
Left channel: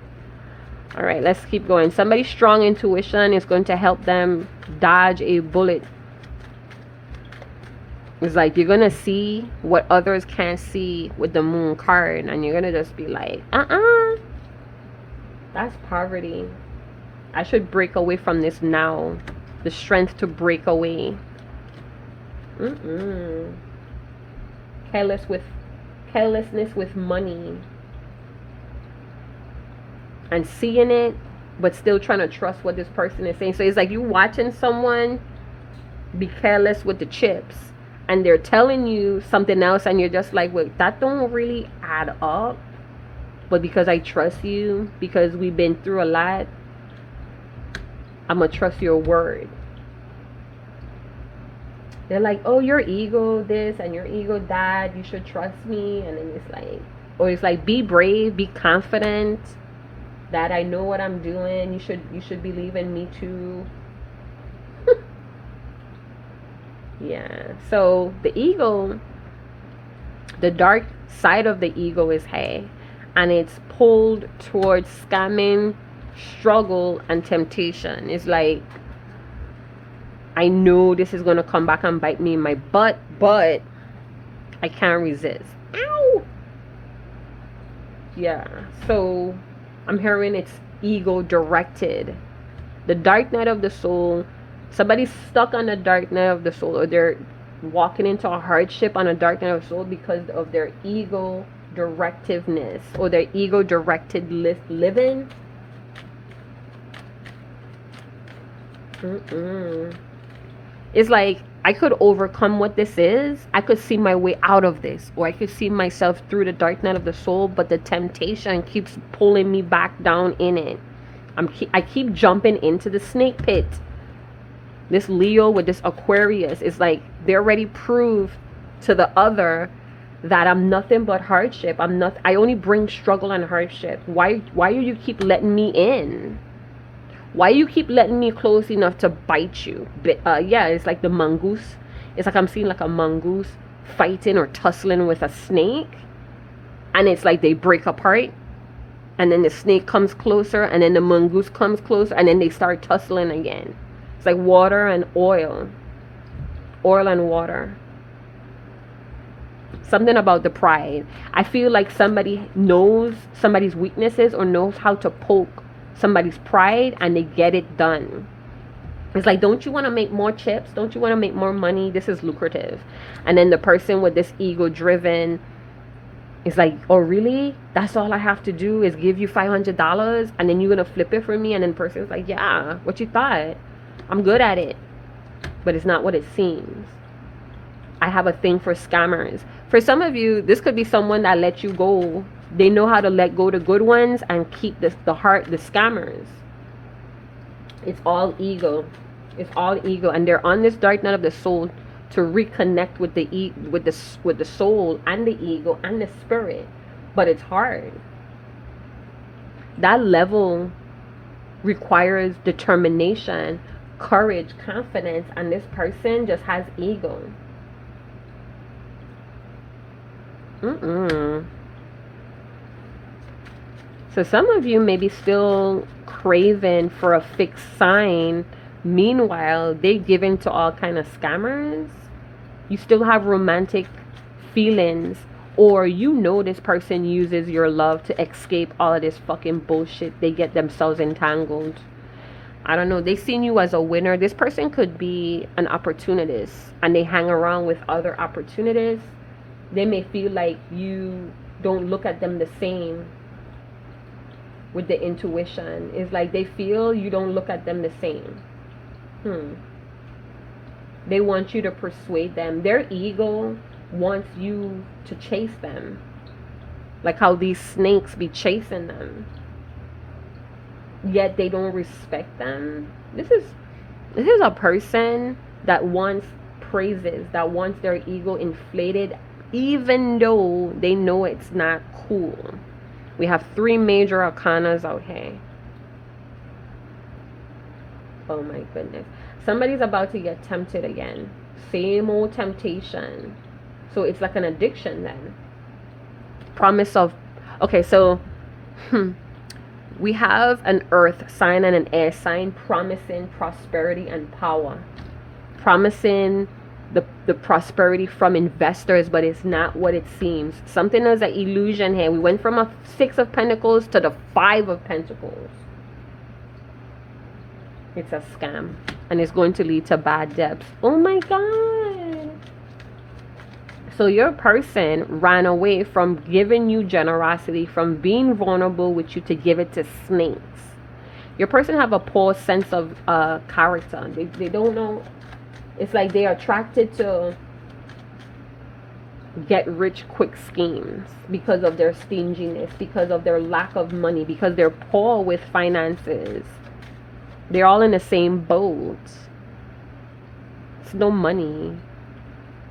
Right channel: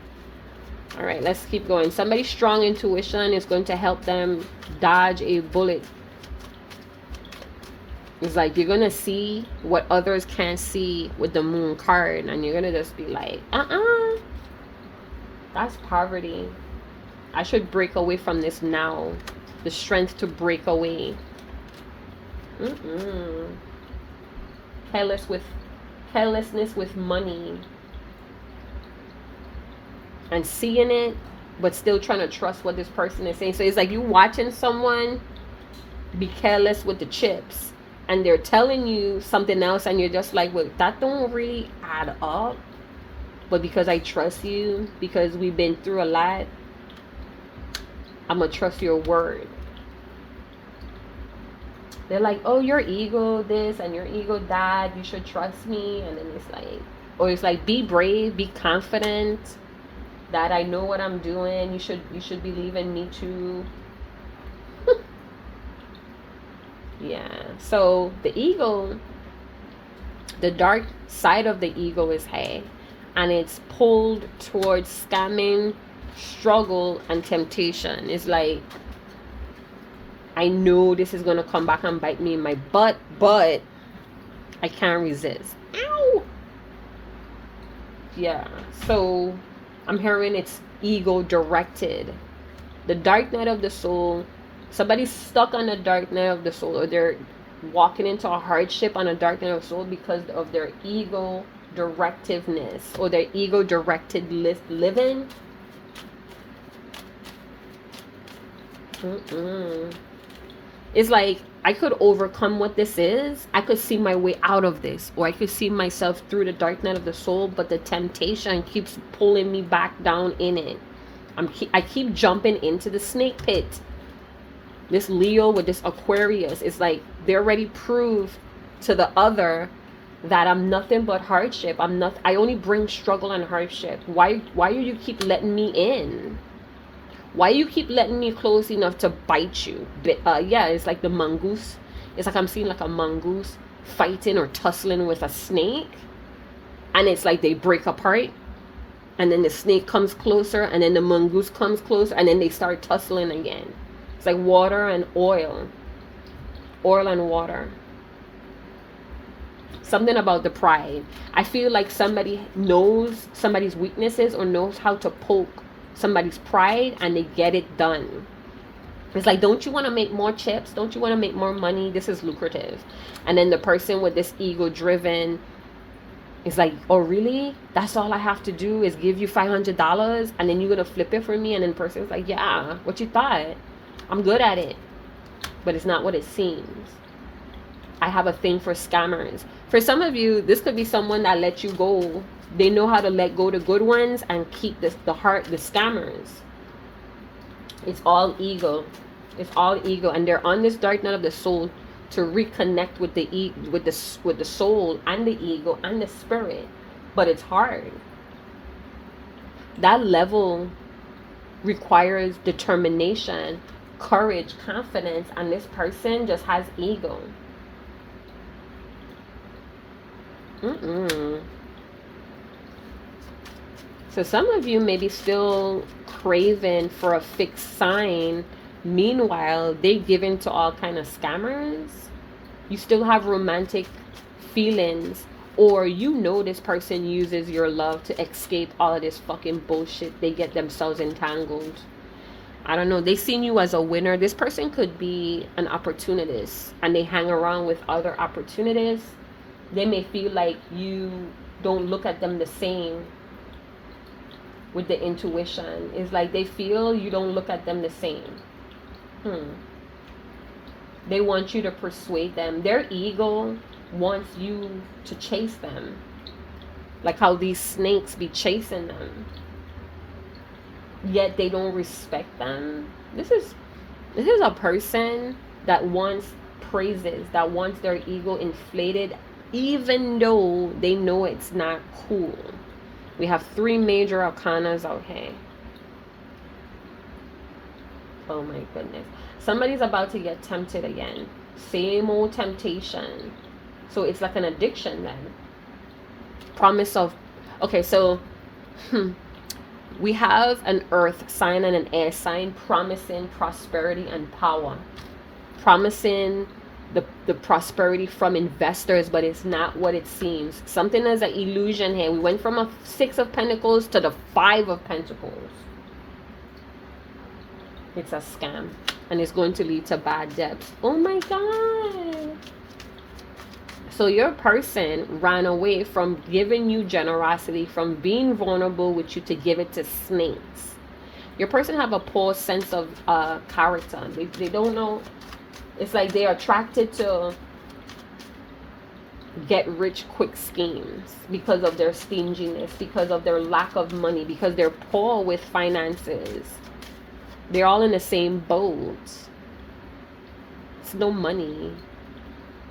All right, let's keep going. Somebody's strong intuition is going to help them dodge a bullet. It's like you're going to see what others can't see with the Moon card. And you're going to just be like, that's poverty. I should break away from this now. The strength to break away. Carelessness with money. And seeing it, but still trying to trust what this person is saying. So it's like you watching someone be careless with the chips. And they're telling you something else, and you're just like, wait, that don't really add up. But because I trust you, because we've been through a lot, I'm going to trust your word. They're like, oh, your ego this and your ego that. You should trust me. And then it's like, or it's like, be brave, be confident that I know what I'm doing. You should believe in me too. Yeah, so the ego, the dark side of the ego is hey, and it's pulled towards scamming, struggle, and temptation. It's like, I know this is going to come back and bite me in my butt, but I can't resist. Ow! Yeah, so I'm hearing it's ego directed. The dark night of the soul. Somebody's stuck on the dark night of the soul, or they're walking into a hardship on a dark night of the soul because of their ego directiveness or their ego directed living. It's like, I could overcome what this is. I could see my way out of this, or I could see myself through the dark night of the soul, but the temptation keeps pulling me back down in it. I keep jumping into the snake pit. This Leo with this Aquarius is like, they already proved to the other that I'm nothing but hardship. I only bring struggle and hardship. Why do you keep letting me in? Why you keep letting me close enough to bite you? Yeah, it's like the mongoose. It's like I'm seeing like a mongoose fighting or tussling with a snake. And it's like they break apart. And then the snake comes closer, and then the mongoose comes closer, and then they start tussling again. It's like water and oil. Oil and water. Something about the pride. I feel like somebody knows somebody's weaknesses or knows how to poke somebody's pride, and they get it done. It's like, don't you want to make more chips? Don't you want to make more money? This is lucrative. And then the person with this ego driven is like, oh really? That's all I have to do is give you $500 and then you're going to flip it for me? And then the person's like, yeah, what you thought? I'm good at it, but it's not what it seems. I have a thing for scammers. For some of you, this could be someone that let you go. They know how to let go the good ones and keep the scammers. It's all ego. It's all ego, and they're on this dark night of the soul to reconnect with the soul and the ego and the spirit. But it's hard. That level requires determination, courage, confidence, and this person just has ego. So some of you may be still craving for a fixed sign. Meanwhile, they're giving to all kind of scammers. You still have romantic feelings, or you know this person uses your love to escape all of this fucking bullshit. They get themselves entangled. I don't know. They seen you as a winner. This person could be an opportunist, and they hang around with other opportunists. They may feel like you don't look at them the same with the intuition. It's like they feel you don't look at them the same. They want you to persuade them. Their ego wants you to chase them. Like how these snakes be chasing them. Yet they don't respect them. This is a person that wants praises, that wants their ego inflated, even though they know it's not cool. We have 3 major arcanas out here. Oh my goodness. Somebody's about to get tempted again. Same old temptation. So it's like an addiction then. Promise of... Okay, so... we have an earth sign and an air sign promising prosperity and power. Promising the prosperity from investors, but it's not what it seems. Something is an illusion here. We went from a 6 of Pentacles to the 5 of Pentacles. It's a scam, and it's going to lead to bad debts. Oh my God. So your person ran away from giving you generosity, from being vulnerable with you, to give it to snakes. Your person have a poor sense of character. They don't know. It's like they're attracted to get rich quick schemes because of their stinginess, because of their lack of money, because they're poor with finances. They're all in the same boat. It's no money.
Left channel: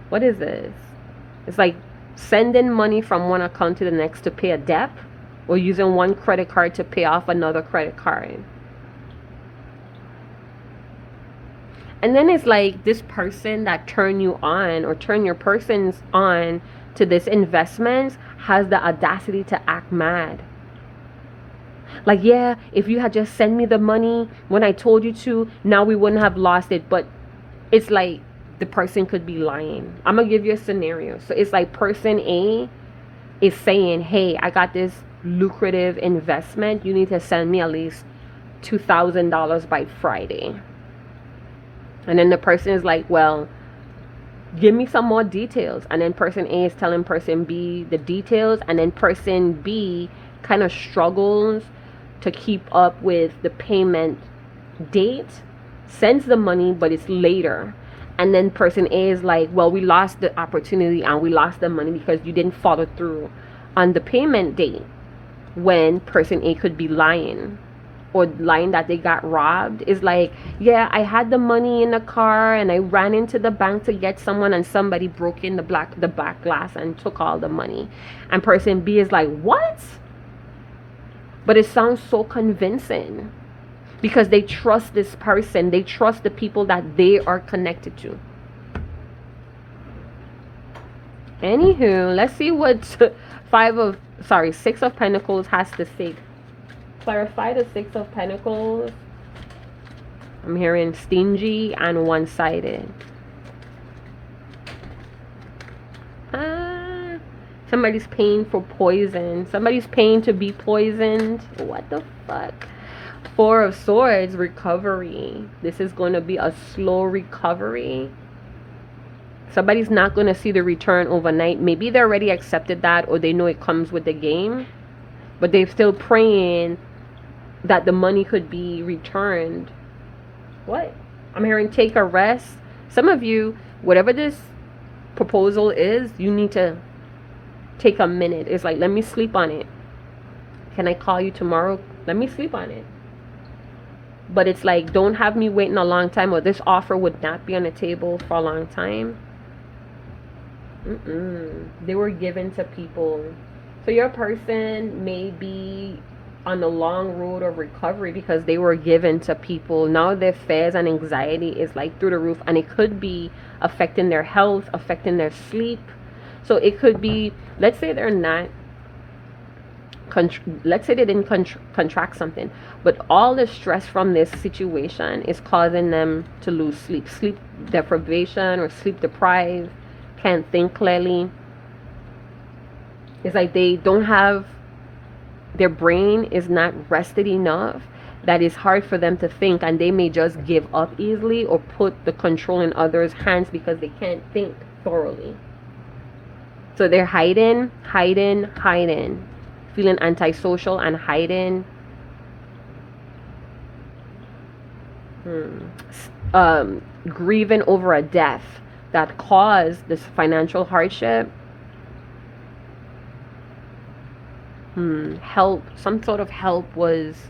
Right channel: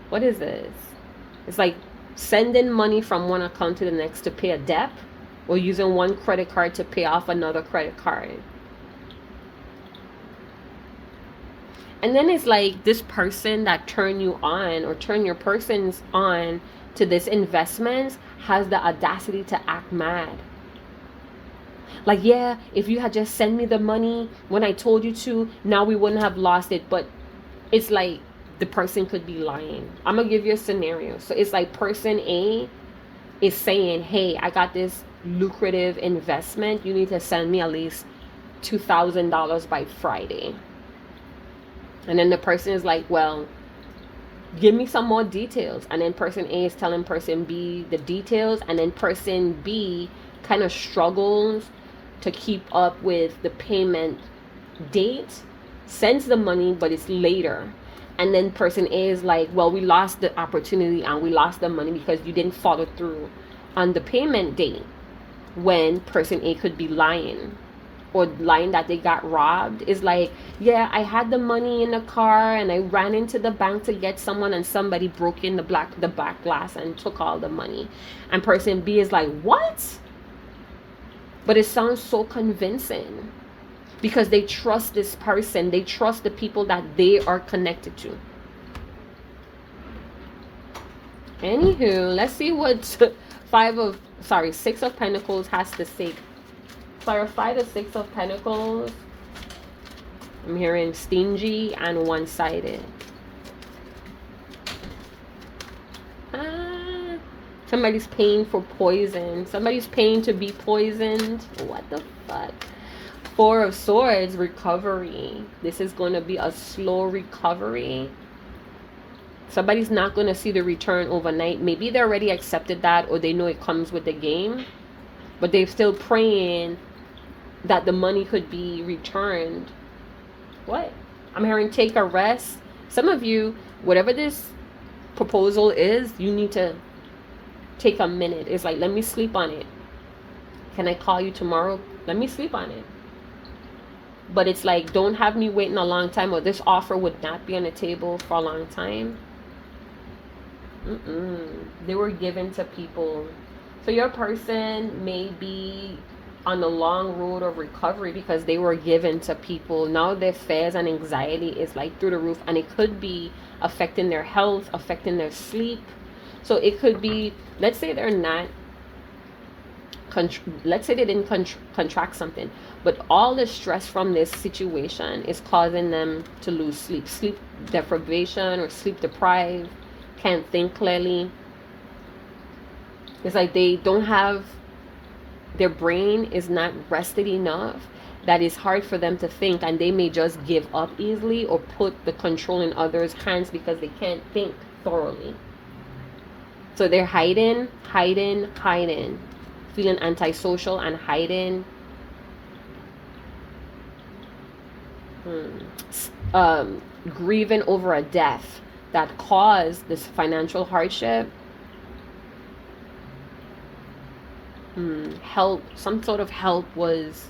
What is this? It's like sending money from one account to the next to pay a debt, or using one credit card to pay off another credit card. And then it's like this person that turned you on, or turn your persons on to this investment, has the audacity to act mad. Like, yeah, if you had just sent me the money when I told you to, now we wouldn't have lost it. But it's like the person could be lying. I'm going to give you a scenario. So it's like person A is saying, hey, I got this lucrative investment. You need to send me at least $2,000 by Friday. And then the person is like, well, give me some more details. And then person A is telling person B the details. And then person B kind of struggles to keep up with the payment date, sends the money, but it's later. And then person A is like, well, we lost the opportunity and we lost the money because you didn't follow through on the payment date, when person A could be lying, or lying that they got robbed. Is like, yeah, I had the money in the car and I ran into the bank to get someone, and somebody broke in the back glass and took all the money. And person B is like, what? But it sounds so convincing because they trust this person. They trust the people that they are connected to. Anywho, let's see what 6 of Pentacles has to say. Clarify the 6 of Pentacles. I'm hearing stingy and one-sided. Somebody's paying for poison. Somebody's paying to be poisoned. What the fuck? 4 of Swords, recovery. This is going to be a slow recovery. Somebody's not going to see the return overnight. Maybe they already accepted that, or they know it comes with the game. But they're still praying that the money could be returned. What? I'm hearing take a rest. Some of you, whatever this proposal is, you need to take a minute. It's like, let me sleep on it. Can I call you tomorrow? Let me sleep on it. But it's like, don't have me waiting a long time, or this offer would not be on the table for a long time. They were given to people. So your person may be on the long road of recovery because they were given to people. Now their fears and anxiety is like through the roof, and it could be affecting their health, affecting their sleep. So it could be, let's say they're not, let's say they didn't contract something, but all the stress from this situation is causing them to lose sleep deprivation, or sleep deprived, can't think clearly. It's like they don't have, their brain is not rested enough, that it's hard for them to think, and they may just give up easily or put the control in others' hands because they can't think thoroughly. So they're hiding, feeling antisocial and hiding. Grieving over a death that caused this financial hardship. Help, some sort of help was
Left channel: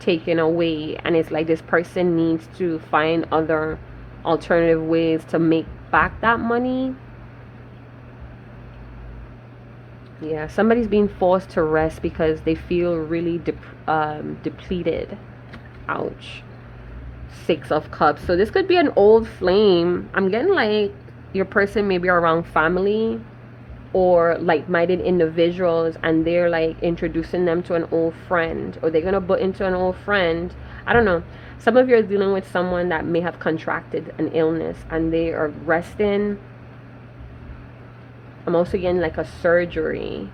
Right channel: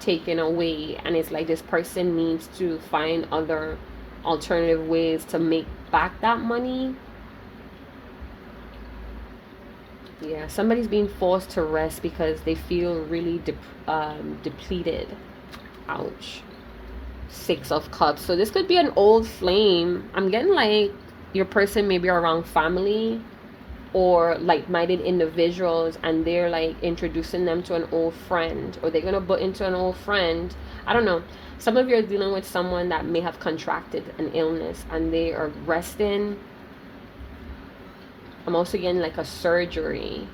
taken away, and it's like this person needs to find other alternative ways to make back that money. Yeah, somebody's being forced to rest because they feel really depleted. Ouch. 6 of Cups. So this could be an old flame. I'm getting like your person may be around family or like-minded individuals, and they're like introducing them to an old friend, or they're gonna butt into an old friend. I don't know. Some of you are dealing with someone that may have contracted an illness and they are resting. I'm also getting like a surgery.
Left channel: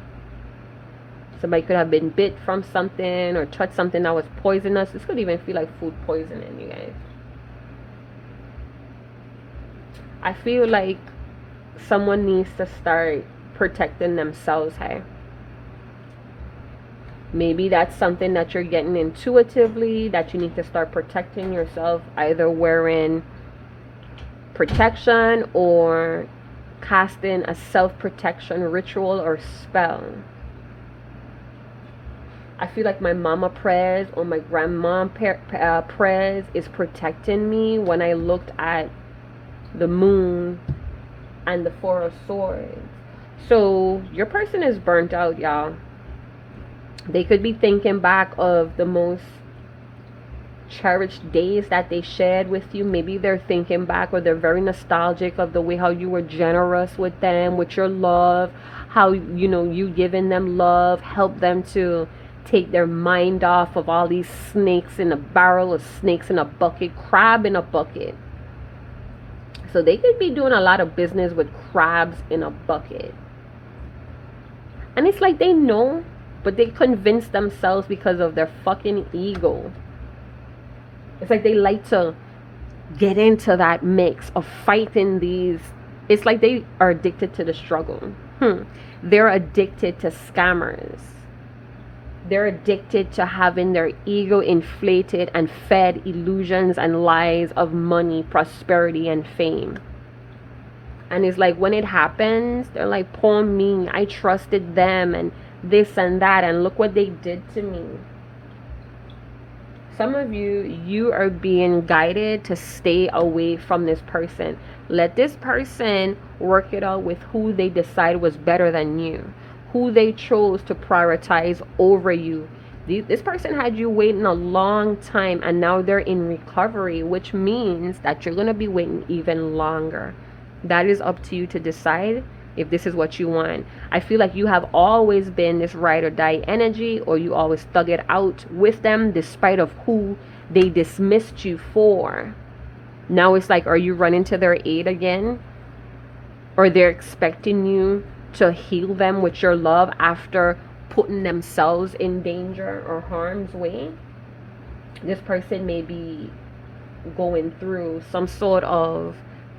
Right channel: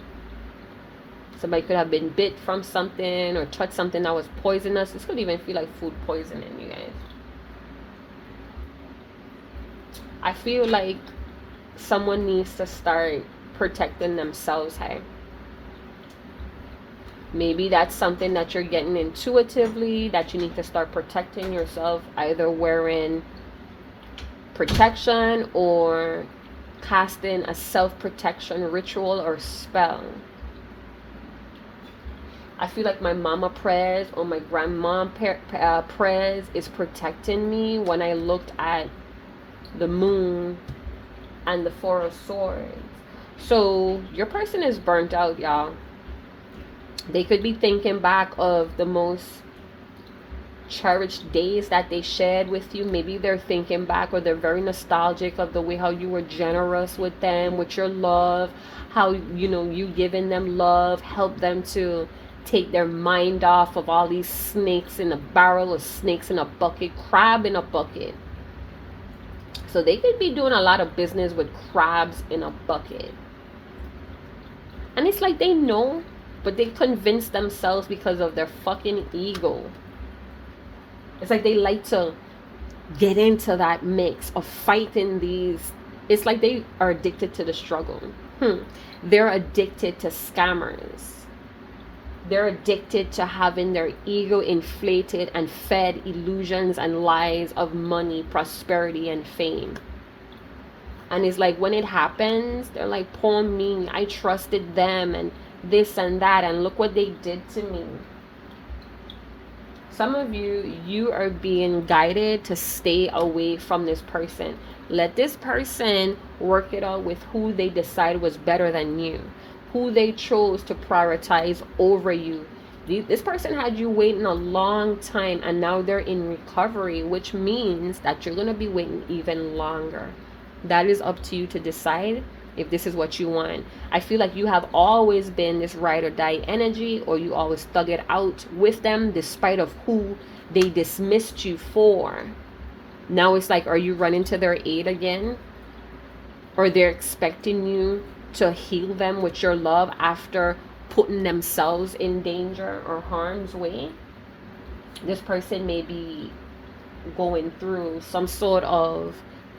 Somebody could have been bit from something or touched something that was poisonous. This could even feel like food poisoning, you guys. I feel like someone needs to start protecting themselves, hey? Maybe that's something that you're getting intuitively, that you need to start protecting yourself, either wearing protection or casting a self-protection ritual or spell. I feel like my mama prayers or my grandma prayers is protecting me when I looked at the moon and the 4 of Swords. So your person is burnt out, y'all. They could be thinking back of the most cherished days that they shared with you. Maybe they're thinking back, or they're very nostalgic of the way how you were generous with them, with your love, how, you know, you giving them love, help them to take their mind off of all these snakes in a barrel, or snakes in a bucket, crab in a bucket. So they could be doing a lot of business with crabs in a bucket. And it's like they know, but they convince themselves because of their fucking ego. It's like they like to get into that mix of fighting these. It's like they are addicted to the struggle. They're addicted to scammers. They're addicted to having their ego inflated and fed illusions and lies of money, prosperity, and fame. And it's like when it happens, they're like, poor me, I trusted them and this and that, and look what they did to me. Some of you are being guided to stay away from this person. Let this person work it out with who they decide was better than you, who they chose to prioritize over you. This person had you waiting a long time, and now they're in recovery, which means that you're going to be waiting even longer. That is up to you to decide if this is what you want. I feel like you have always been this ride or die energy, or you always thug it out with them despite of who they dismissed you for. Now it's like, are you running to their aid again? Or they're expecting you to heal them with your love after putting themselves in danger or harm's way? This person may be going through some sort of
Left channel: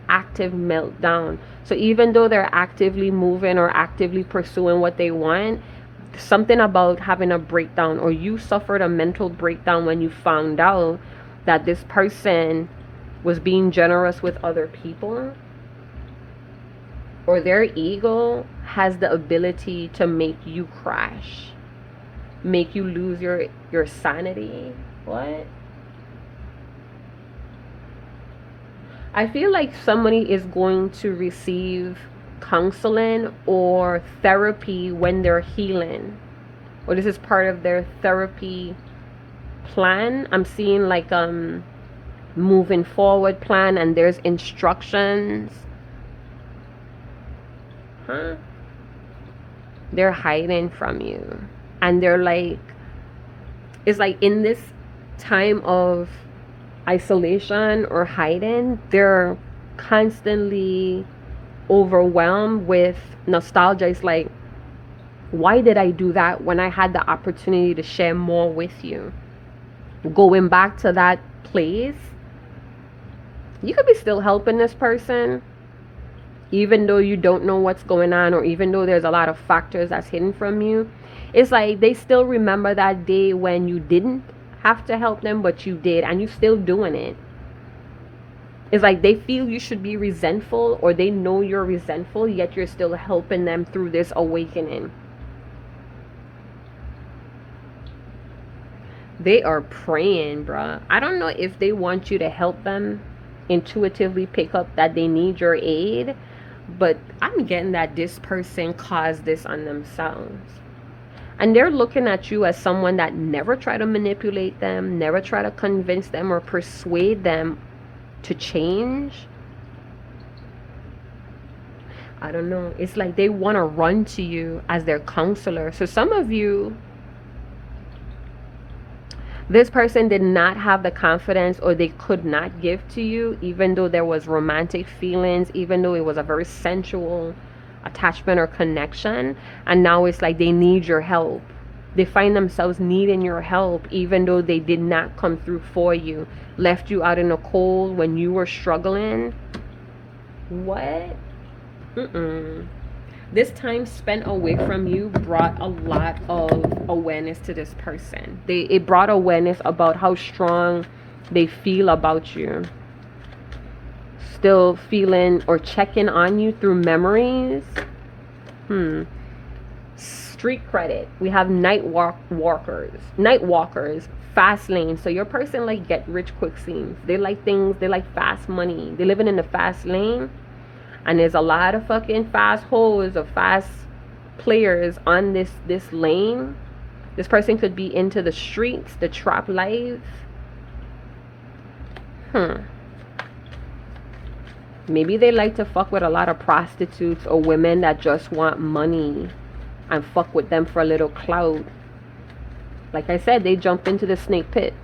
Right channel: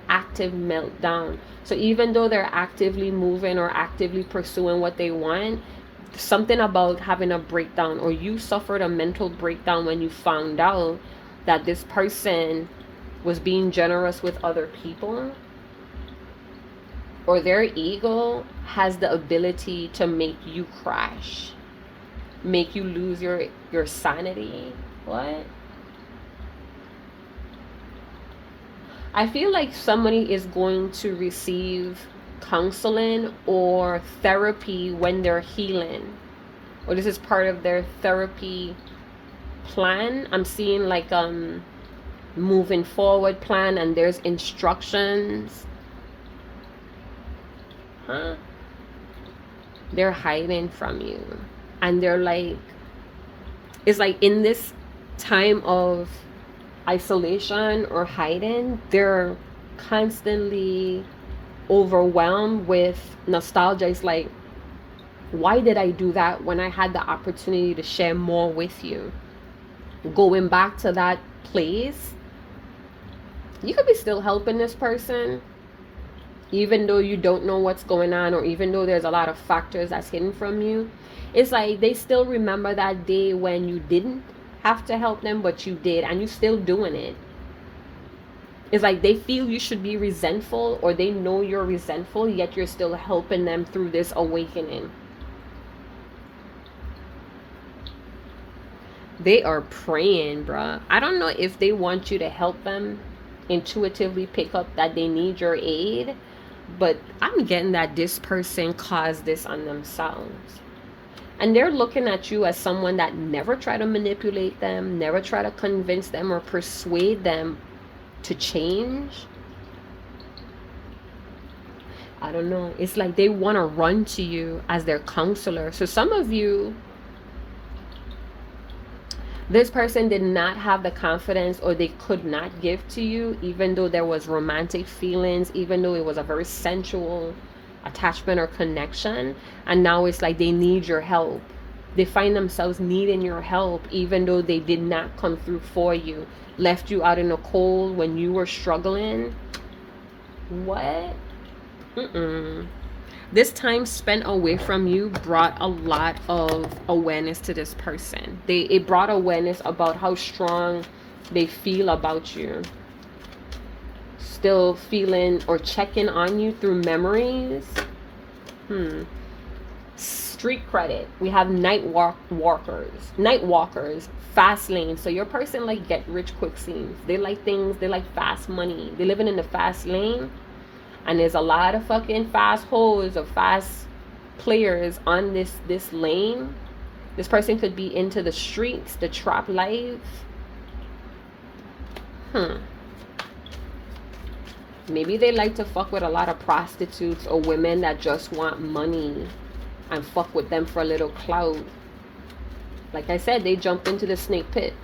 active meltdown. So even though they're actively moving or actively pursuing what they want, something about having a breakdown, or you suffered a mental breakdown when you found out that this person was being generous with other people, or their ego has the ability to make you crash, make you lose your sanity. What? I feel like somebody is going to receive counseling or therapy when they're healing, or this is part of their therapy plan. I'm seeing like moving forward plan, and there's instructions. They're hiding from you, and they're like, it's like in this time of isolation or hiding, they're constantly overwhelmed with nostalgia. It's like, why did I do that when I had the opportunity to share more with you? Going back to that place, you could be still helping this person, even though you don't know what's going on, or even though there's a lot of factors that's hidden from you. It's like they still remember that day when you didn't have to help them, but you did, and you're still doing it. It's like they feel you should be resentful, or they know you're resentful, yet you're still helping them through this awakening. They are praying, bruh. I don't know if they want you to help them intuitively pick up that they need your aid, but I'm getting that this person caused this on themselves. And they're looking at you as someone that never try to manipulate them, never try to convince them or persuade them to change. I don't know. It's like they want to run to you as their counselor. So some of you, this person did not have the confidence, or they could not give to you, even though there was romantic feelings, even though it was a very sensual attachment or connection. And now it's like they need your help. They find themselves needing your help, even though they did not come through for you, left you out in the cold when you were struggling. What? This time spent away from you brought a lot of awareness to this person. It brought awareness about how strong they feel about you. Still feeling or checking on you through memories. Street credit. We have night walkers, fast lane. So your person like get rich quick schemes. They like things, they like fast money. They're living in the fast lane. And there's a lot of fucking fast hoes or fast players on this lane. This person could be into the streets, the trap life. Maybe they like to fuck with a lot of prostitutes or women that just want money and fuck with them for a little clout. Like I said, they jumped into the snake pit.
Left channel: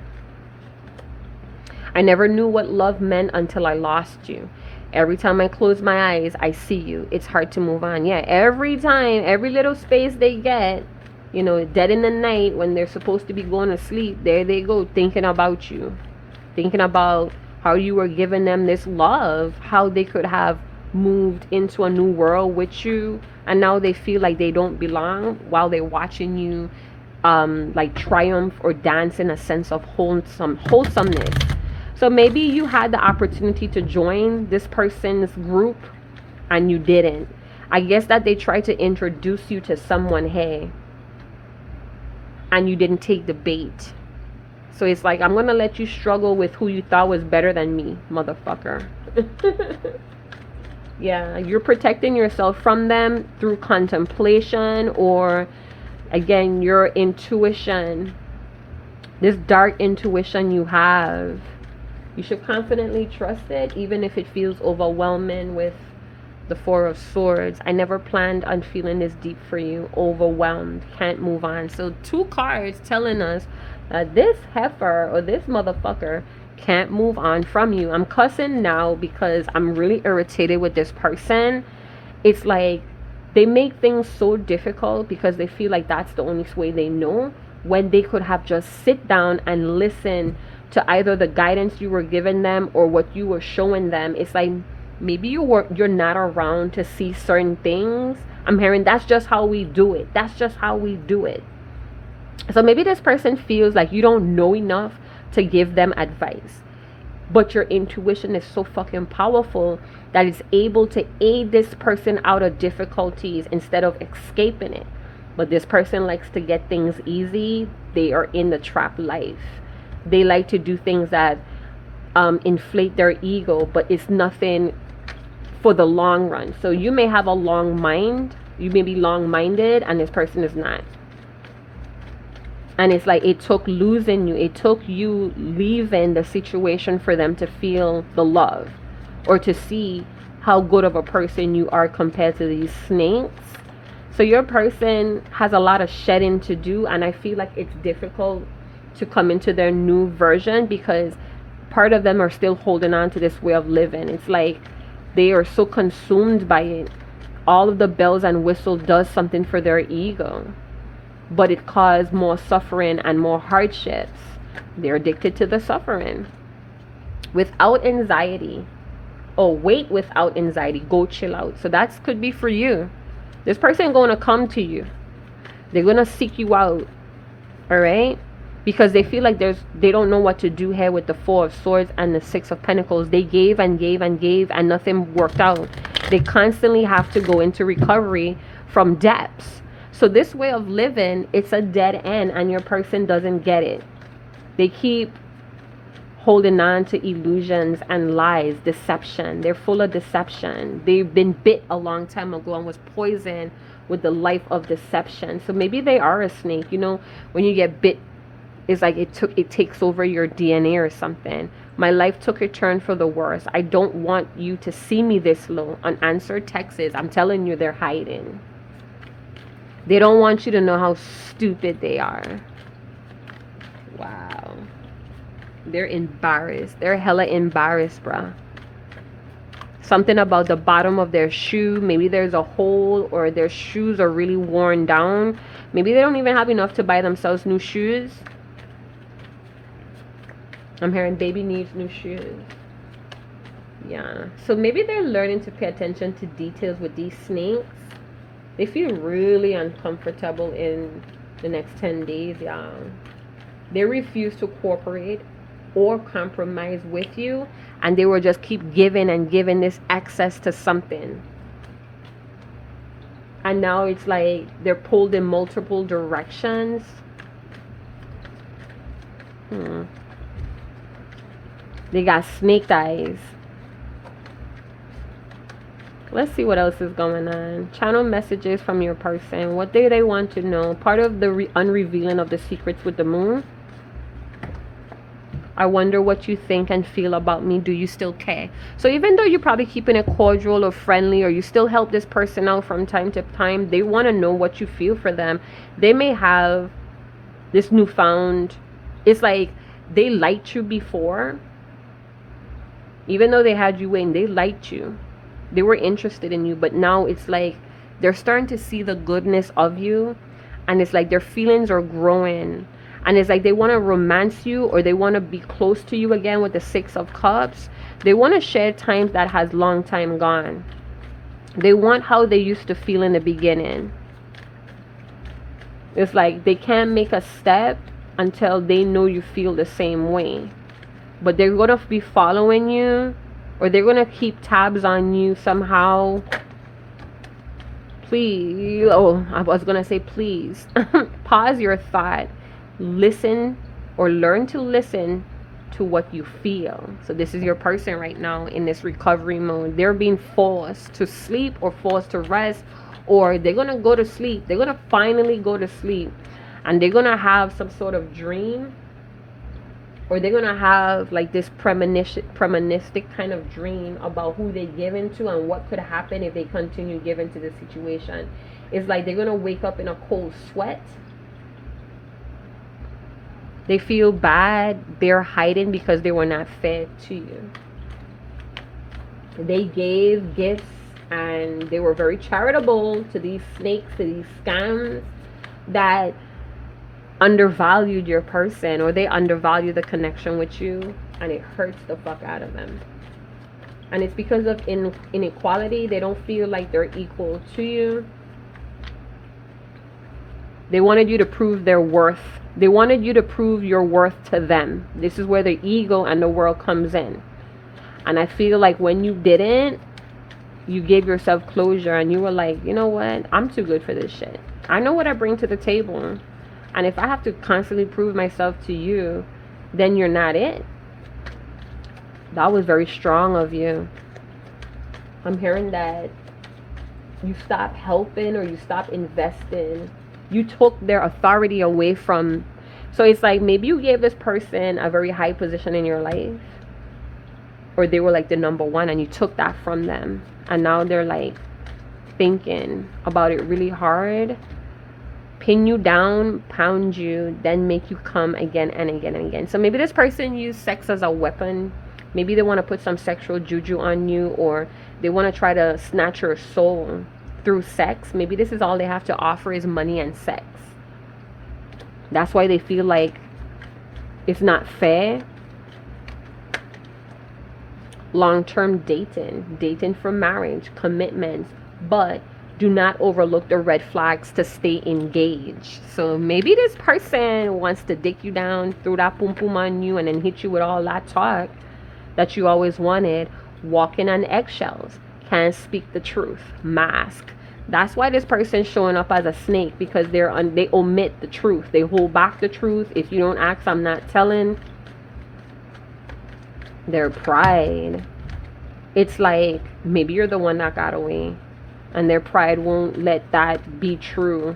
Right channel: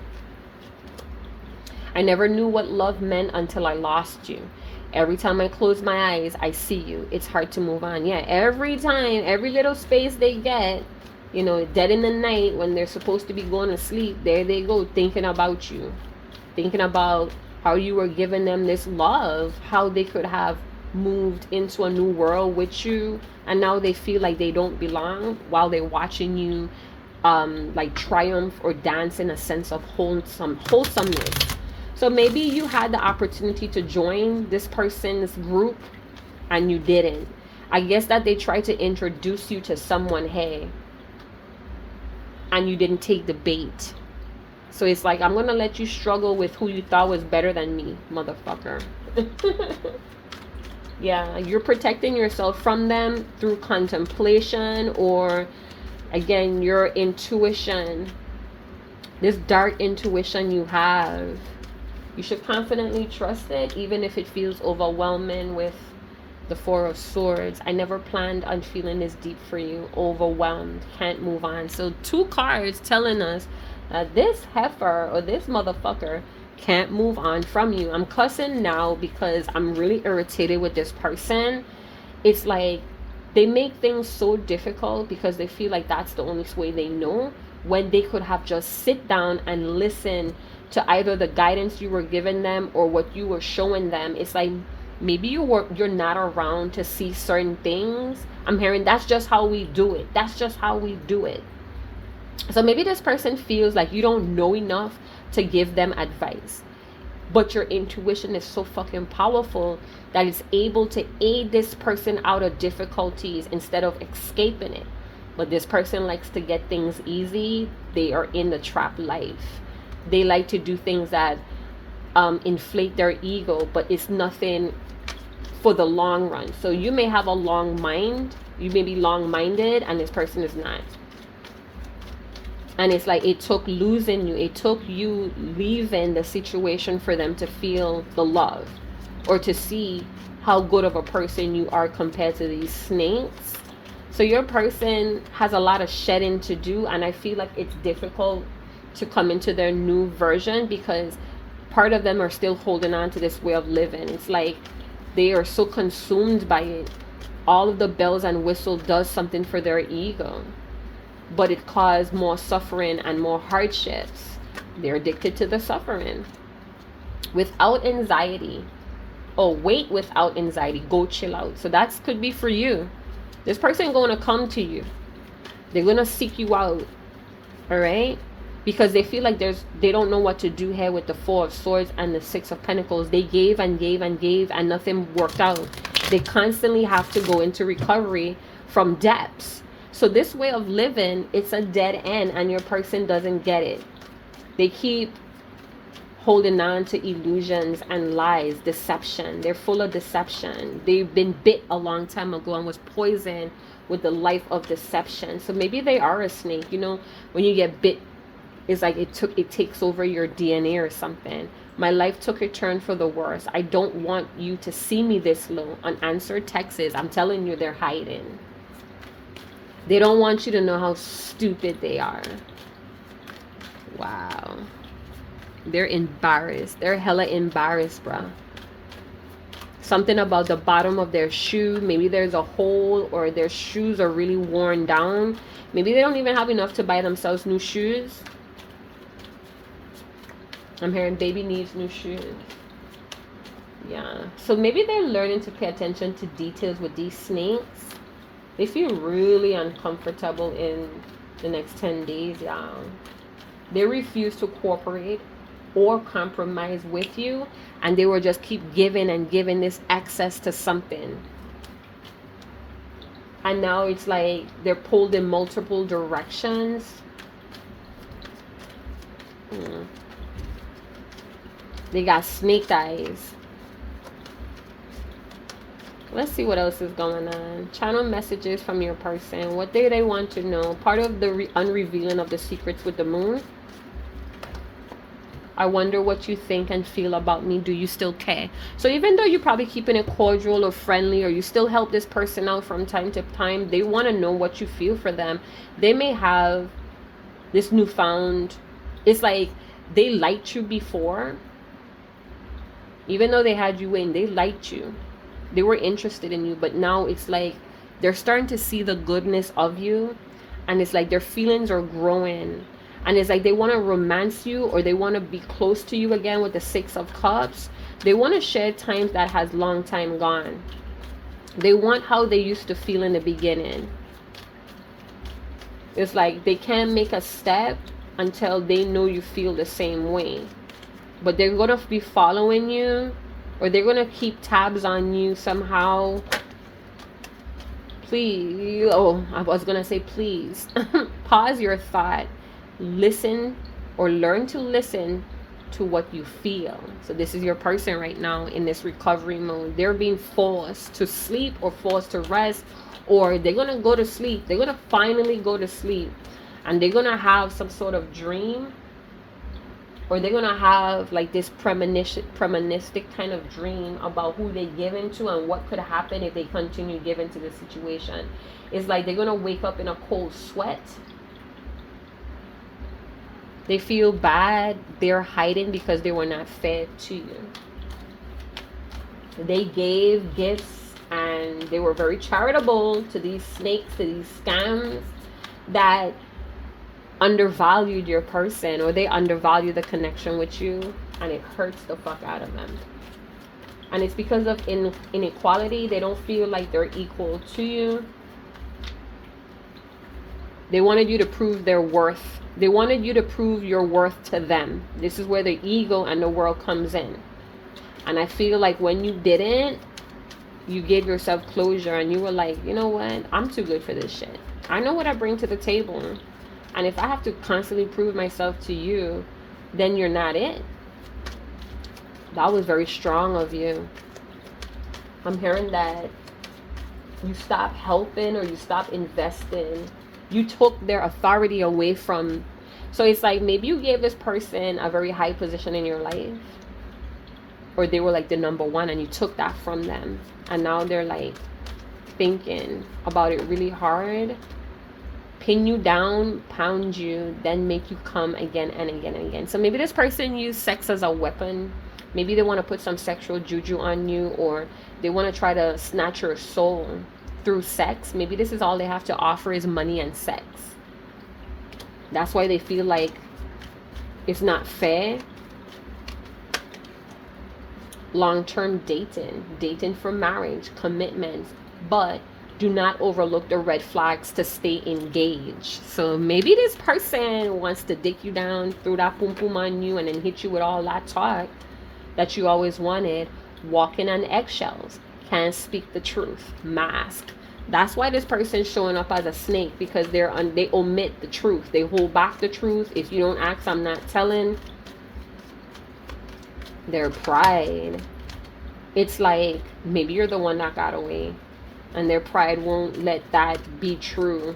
I never knew what love meant until I lost you. Every time I close my eyes, I see you. It's hard to move on. Yeah, every time, every little space they get, you know, dead in the night when they're supposed to be going to sleep, there they go, thinking about you. Thinking about how you were giving them this love, how they could have moved into a new world with you, and now they feel like they don't belong while they're watching you like triumph or dance in a sense of wholesomeness. So maybe you had the opportunity to join this person's group and you didn't. I guess that they tried to introduce you to someone, hey, and you didn't take the bait. So it's like, I'm going to let you struggle with who you thought was better than me, motherfucker. Yeah, you're protecting yourself from them through contemplation, or again, your intuition, this dark intuition you have. You should confidently trust it, even if it feels overwhelming with the Four of Swords. I never planned on feeling this deep for you. Overwhelmed. Can't move on. So 2 cards telling us that this heifer or this motherfucker can't move on from you. I'm cussing now because I'm really irritated with this person. It's like they make things so difficult because they feel like that's the only way they know, when they could have just sit down and listen to either the guidance you were giving them or what you were showing them. It's like maybe you're not around to see certain things. I'm hearing that's just how we do it. That's just how we do it. So maybe this person feels like you don't know enough to give them advice. but your intuition is so fucking powerful that it's able to aid this person out of difficulties instead of escaping it. But this person likes to get things easy. They are in the trap life. They like to do things that inflate their ego, but it's nothing for the long run. So you may have a long mind, you may be long-minded, and this person is not. And it's like it took losing you, it took you leaving the situation for them to feel the love, or to see how good of a person you are compared to these snakes. So your person has a lot of shedding to do, and I feel like it's difficult to come into their new version because part of them are still holding on to this way of living. It's like they are so consumed by it. All of the bells and whistles does something for their ego, but it caused more suffering and more hardships. They're addicted to the suffering. Without anxiety, wait without anxiety, go chill out. So that could be for you. This person going to come to you. They're going to seek you out. All right? Because they feel like they don't know what to do here with the Four of Swords and the Six of Pentacles. They gave and gave and gave and nothing worked out. They constantly have to go into recovery from depths. So this way of living, it's a dead end, and your person doesn't get it. They keep holding on to illusions and lies, deception. They're full of deception. They've been bit a long time ago and was poisoned with the life of deception. So maybe they are a snake. You know, when you get bit, it's like it takes over your DNA or something. My life took a turn for the worse. I don't want you to see me this low. Unanswered texts, I'm telling you, they're hiding. They don't want you to know how stupid they are. Wow. They're embarrassed. They're hella embarrassed, bruh. Something about the bottom of their shoe. Maybe there's a hole, or their shoes are really worn down. Maybe they don't even have enough to buy themselves new shoes. I'm hearing baby needs new shoes. Yeah. So maybe they're learning to pay attention to details with these snakes. They feel really uncomfortable in the next 10 days, y'all. They refuse to cooperate or compromise with you, and they will just keep giving and giving this access to something. And now it's like they're pulled in multiple directions. They got snake eyes. Let's see what else is going on. Channel messages from your person. What do they want to know? Part of the unrevealing of the secrets with the moon. I wonder what you think and feel about me. Do you still care? So even though you're probably keeping it cordial or friendly, or you still help this person out from time to time, they want to know what you feel for them. They may have this newfound, it's like they liked you before. Even though they had you in, they liked you. They were interested in you, but now it's like they're starting to see the goodness of you, and it's like their feelings are growing, and it's like they want to romance you, or they want to be close to you again with the Six of Cups. They want to share times that has long time gone. They want how they used to feel in the beginning. It's like they can't make a step until they know you feel the same way. But they're going to be following you, or they're going to keep tabs on you somehow. Please. Oh, I was going to say please. Pause your thought. Listen, or learn to listen to what you feel. So this is your person right now in this recovery mode. They're being forced to sleep or forced to rest, or they're going to go to sleep. They're going to finally go to sleep, and they're going to have some sort of dream, or they're going to have like this premonitionistic kind of dream about who they give into and what could happen if they continue giving to the situation. It's like they're going to wake up in a cold sweat. They feel bad. They're hiding because they were not fair to you. They gave gifts and they were very charitable to these snakes, to these scams that undervalued your person, or they undervalue the connection with you, and it hurts the fuck out of them. And it's because of inequality. They don't feel like they're equal to you. They wanted you to prove their worth. They wanted you to prove your worth to them. This is where the ego and the world comes in. And I feel like when you didn't, you gave yourself closure and you were like, you know what? I'm too good for this shit. I know what I bring to the table. And if I have to constantly prove myself to you, then you're not it. That was very strong of you. I'm hearing that you stop helping or you stop investing. You took their authority away from. So it's like maybe you gave this person a very high position in your life, or they were like the number one and you took that from them, and now they're like thinking about it really hard, pin you down, pound you, then make you come again and again and again. So maybe this person used sex as a weapon. Maybe they want to put some sexual juju on you, or they want to try to snatch your soul through sex. Maybe this is all they have to offer is money and sex. That's why they feel like it's not fair. Long-term dating for marriage, commitments, but do not overlook the red flags to stay engaged. So maybe this person wants to dick you down, throw that pum pum on you, and then hit you with all that talk that you always wanted. Walking on eggshells, can't speak the truth, mask. That's why this person's showing up as a snake, because they omit the truth. They hold back the truth. If you don't ask, I'm not telling. Their pride. It's like maybe you're the one that got away, and their pride won't let that be true.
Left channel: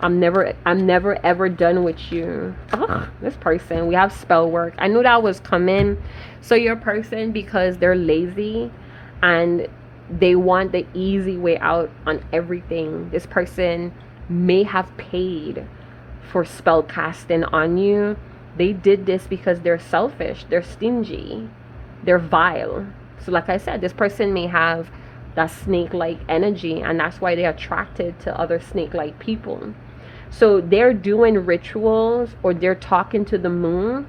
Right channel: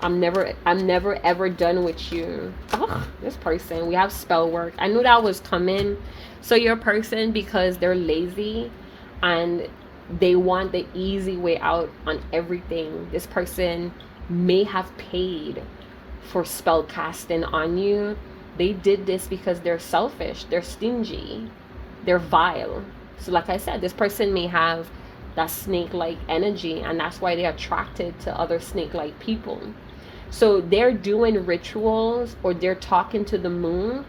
I'm never ever done with you. Oh, this person, we have spell work. I knew that was coming. So your person, because they're lazy and they want the easy way out on everything, this person may have paid for spell casting on you. They did this because they're selfish, they're stingy, they're vile. So like I said, this person may have that snake-like energy, and that's why they're attracted to other snake-like people. So they're doing rituals, or they're talking to the moon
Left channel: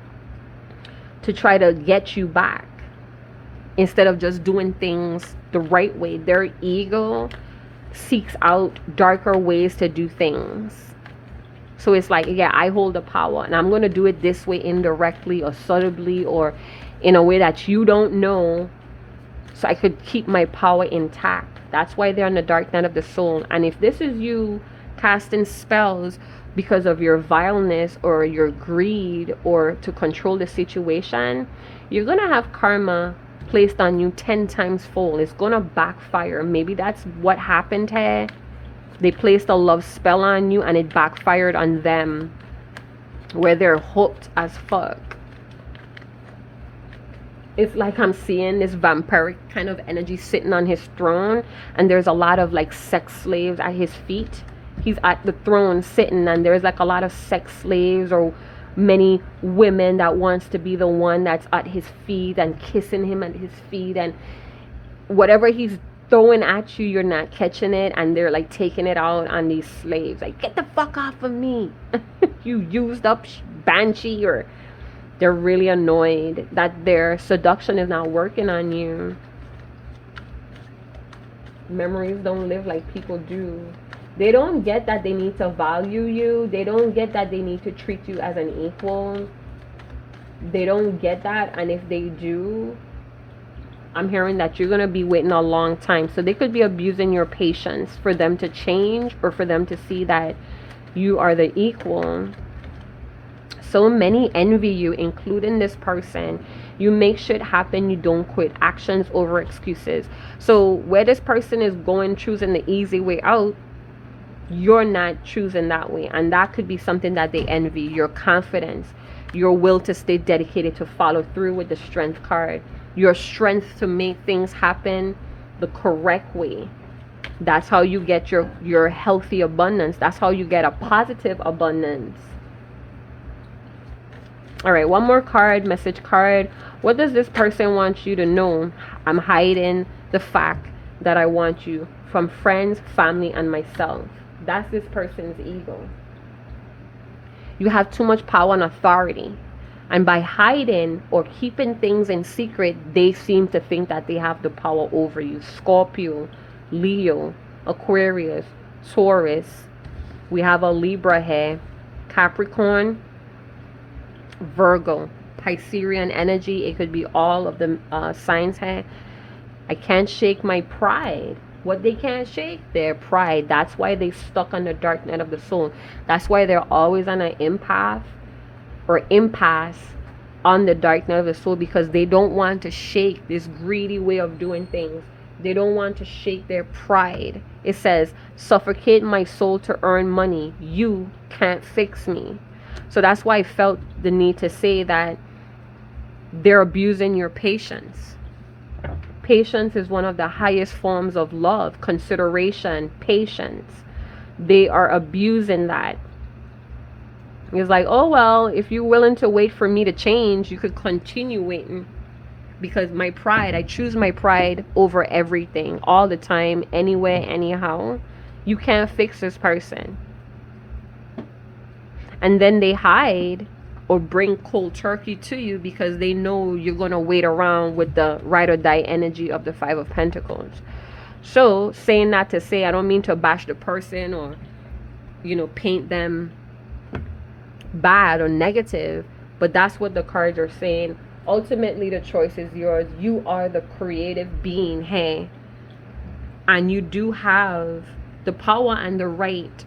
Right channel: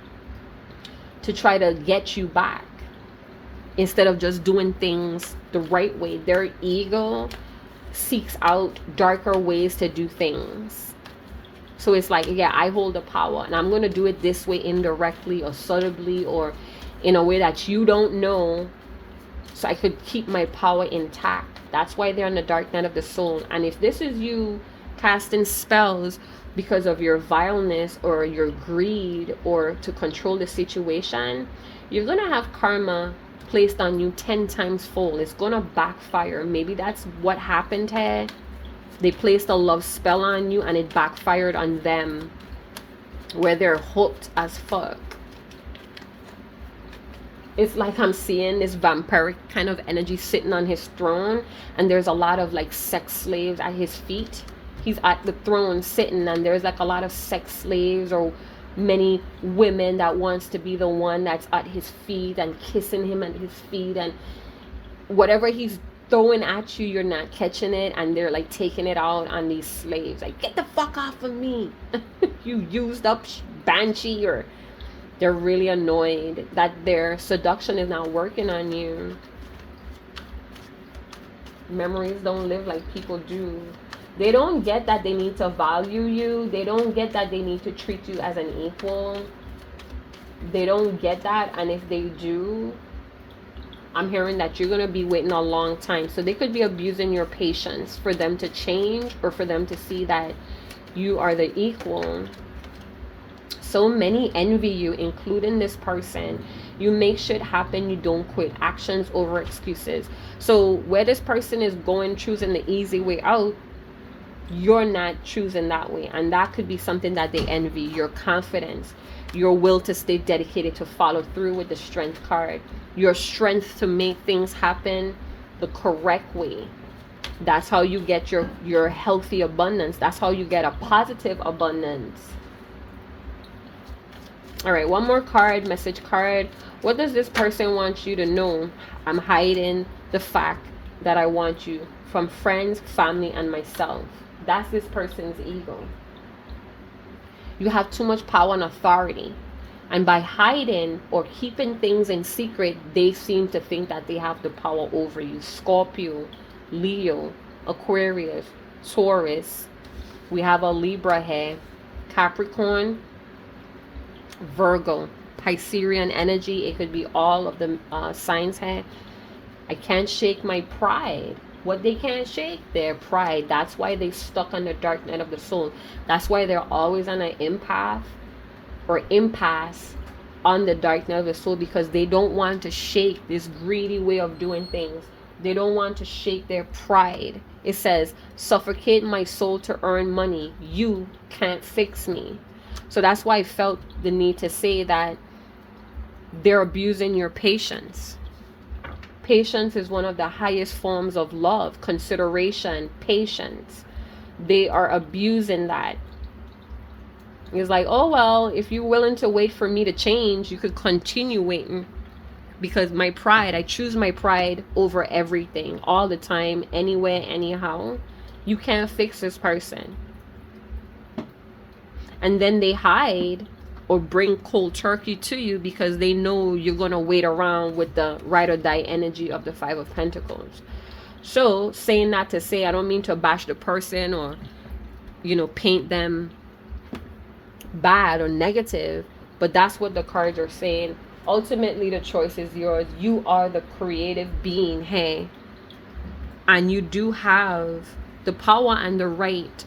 to try to get you back, instead of just doing things the right way. Their ego seeks out darker ways to do things. So it's like, yeah, I hold the power, and I'm going to do it this way, indirectly or subtly, or in a way that you don't know, so I could keep my power intact. That's why they're on the dark night of the soul. And if this is you casting spells because of your vileness or your greed, or to control the situation, you're going to have karma placed on you 10 times fold. It's going to backfire. Maybe that's what happened here. They placed a love spell on you and it backfired on them, where they're hooked as fuck. It's like I'm seeing this vampiric kind of energy sitting on his throne, and there's a lot of like sex slaves at his feet. He's at the throne sitting, and there's like a lot of sex slaves or many women that wants to be the one that's at his feet and kissing him at his feet, and whatever he's throwing at you, you're not catching it, and they're like taking it out on these slaves, like, get the fuck off of me. You used up banshee. Or they're really annoyed that their seduction is not working on you. Memories don't live like people do. They don't get that they need to value you. They don't get that they need to treat you as an equal. They don't get that. And if they do, I'm hearing that you're going to be waiting a long time. So they could be abusing your patience for them to change, or for them to see that you are the equal. So many envy you, including this person. You make shit happen. You don't quit. Actions over excuses. So where this person is going, choosing the easy way out, you're not choosing that way. And that could be something that they envy. Your confidence, your will to stay dedicated, to follow through with the strength card, your strength to make things happen the correct way. That's how you get your healthy abundance. That's how you get a positive abundance. All right, one more card, message card. What does this person want you to know? I'm hiding the fact that I want you from friends, family, and myself. That's this person's ego. You have too much power and authority. And by hiding or keeping things in secret, they seem to think that they have the power over you. Scorpio, Leo, Aquarius, Taurus, We have a Libra here, Capricorn, Virgo, Piscean energy. It could be all of the signs here. I can't shake my pride. What they can't shake? Their pride. That's why they stuck on the dark night of the soul. That's why they're always on an impasse on the dark night of the soul, because they don't want to shake this greedy way of doing things. They don't want to shake their pride. It says, suffocate my soul to earn money. You can't fix me. So that's why I felt the need to say that they're abusing your patience. Patience is one of the highest forms of love, consideration, patience. They are abusing that. It's like, oh, well, if you're willing to wait for me to change, you could continue waiting. Because my pride, I choose my pride over everything, all the time, anywhere, anyhow. You can't fix this person. And then they hide or bring cold turkey to you because they know you're going to wait around with the ride or die energy of the Five of Pentacles. So, saying that to say, I don't mean to bash the person or, paint them bad or negative, but that's what the cards are saying. Ultimately, the choice is yours. You are the creative being, hey, and you do have the power and the right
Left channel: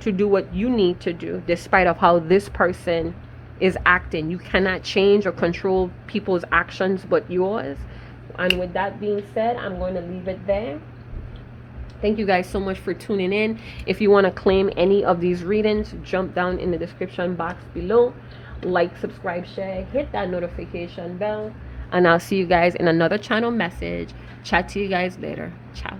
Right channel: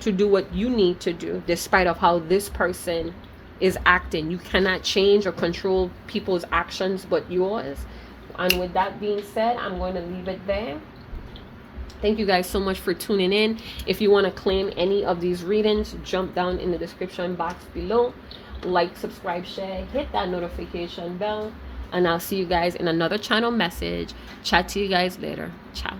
to do what you need to do, despite of how this person is acting. You cannot change or control people's actions but yours. And with that being said, I'm going to leave it there. Thank you guys so much for tuning in. If you want to claim any of these readings, jump down in the description box below. Like, subscribe, share, hit that notification bell, and I'll see you guys in another channel message. Chat to you guys later. Ciao.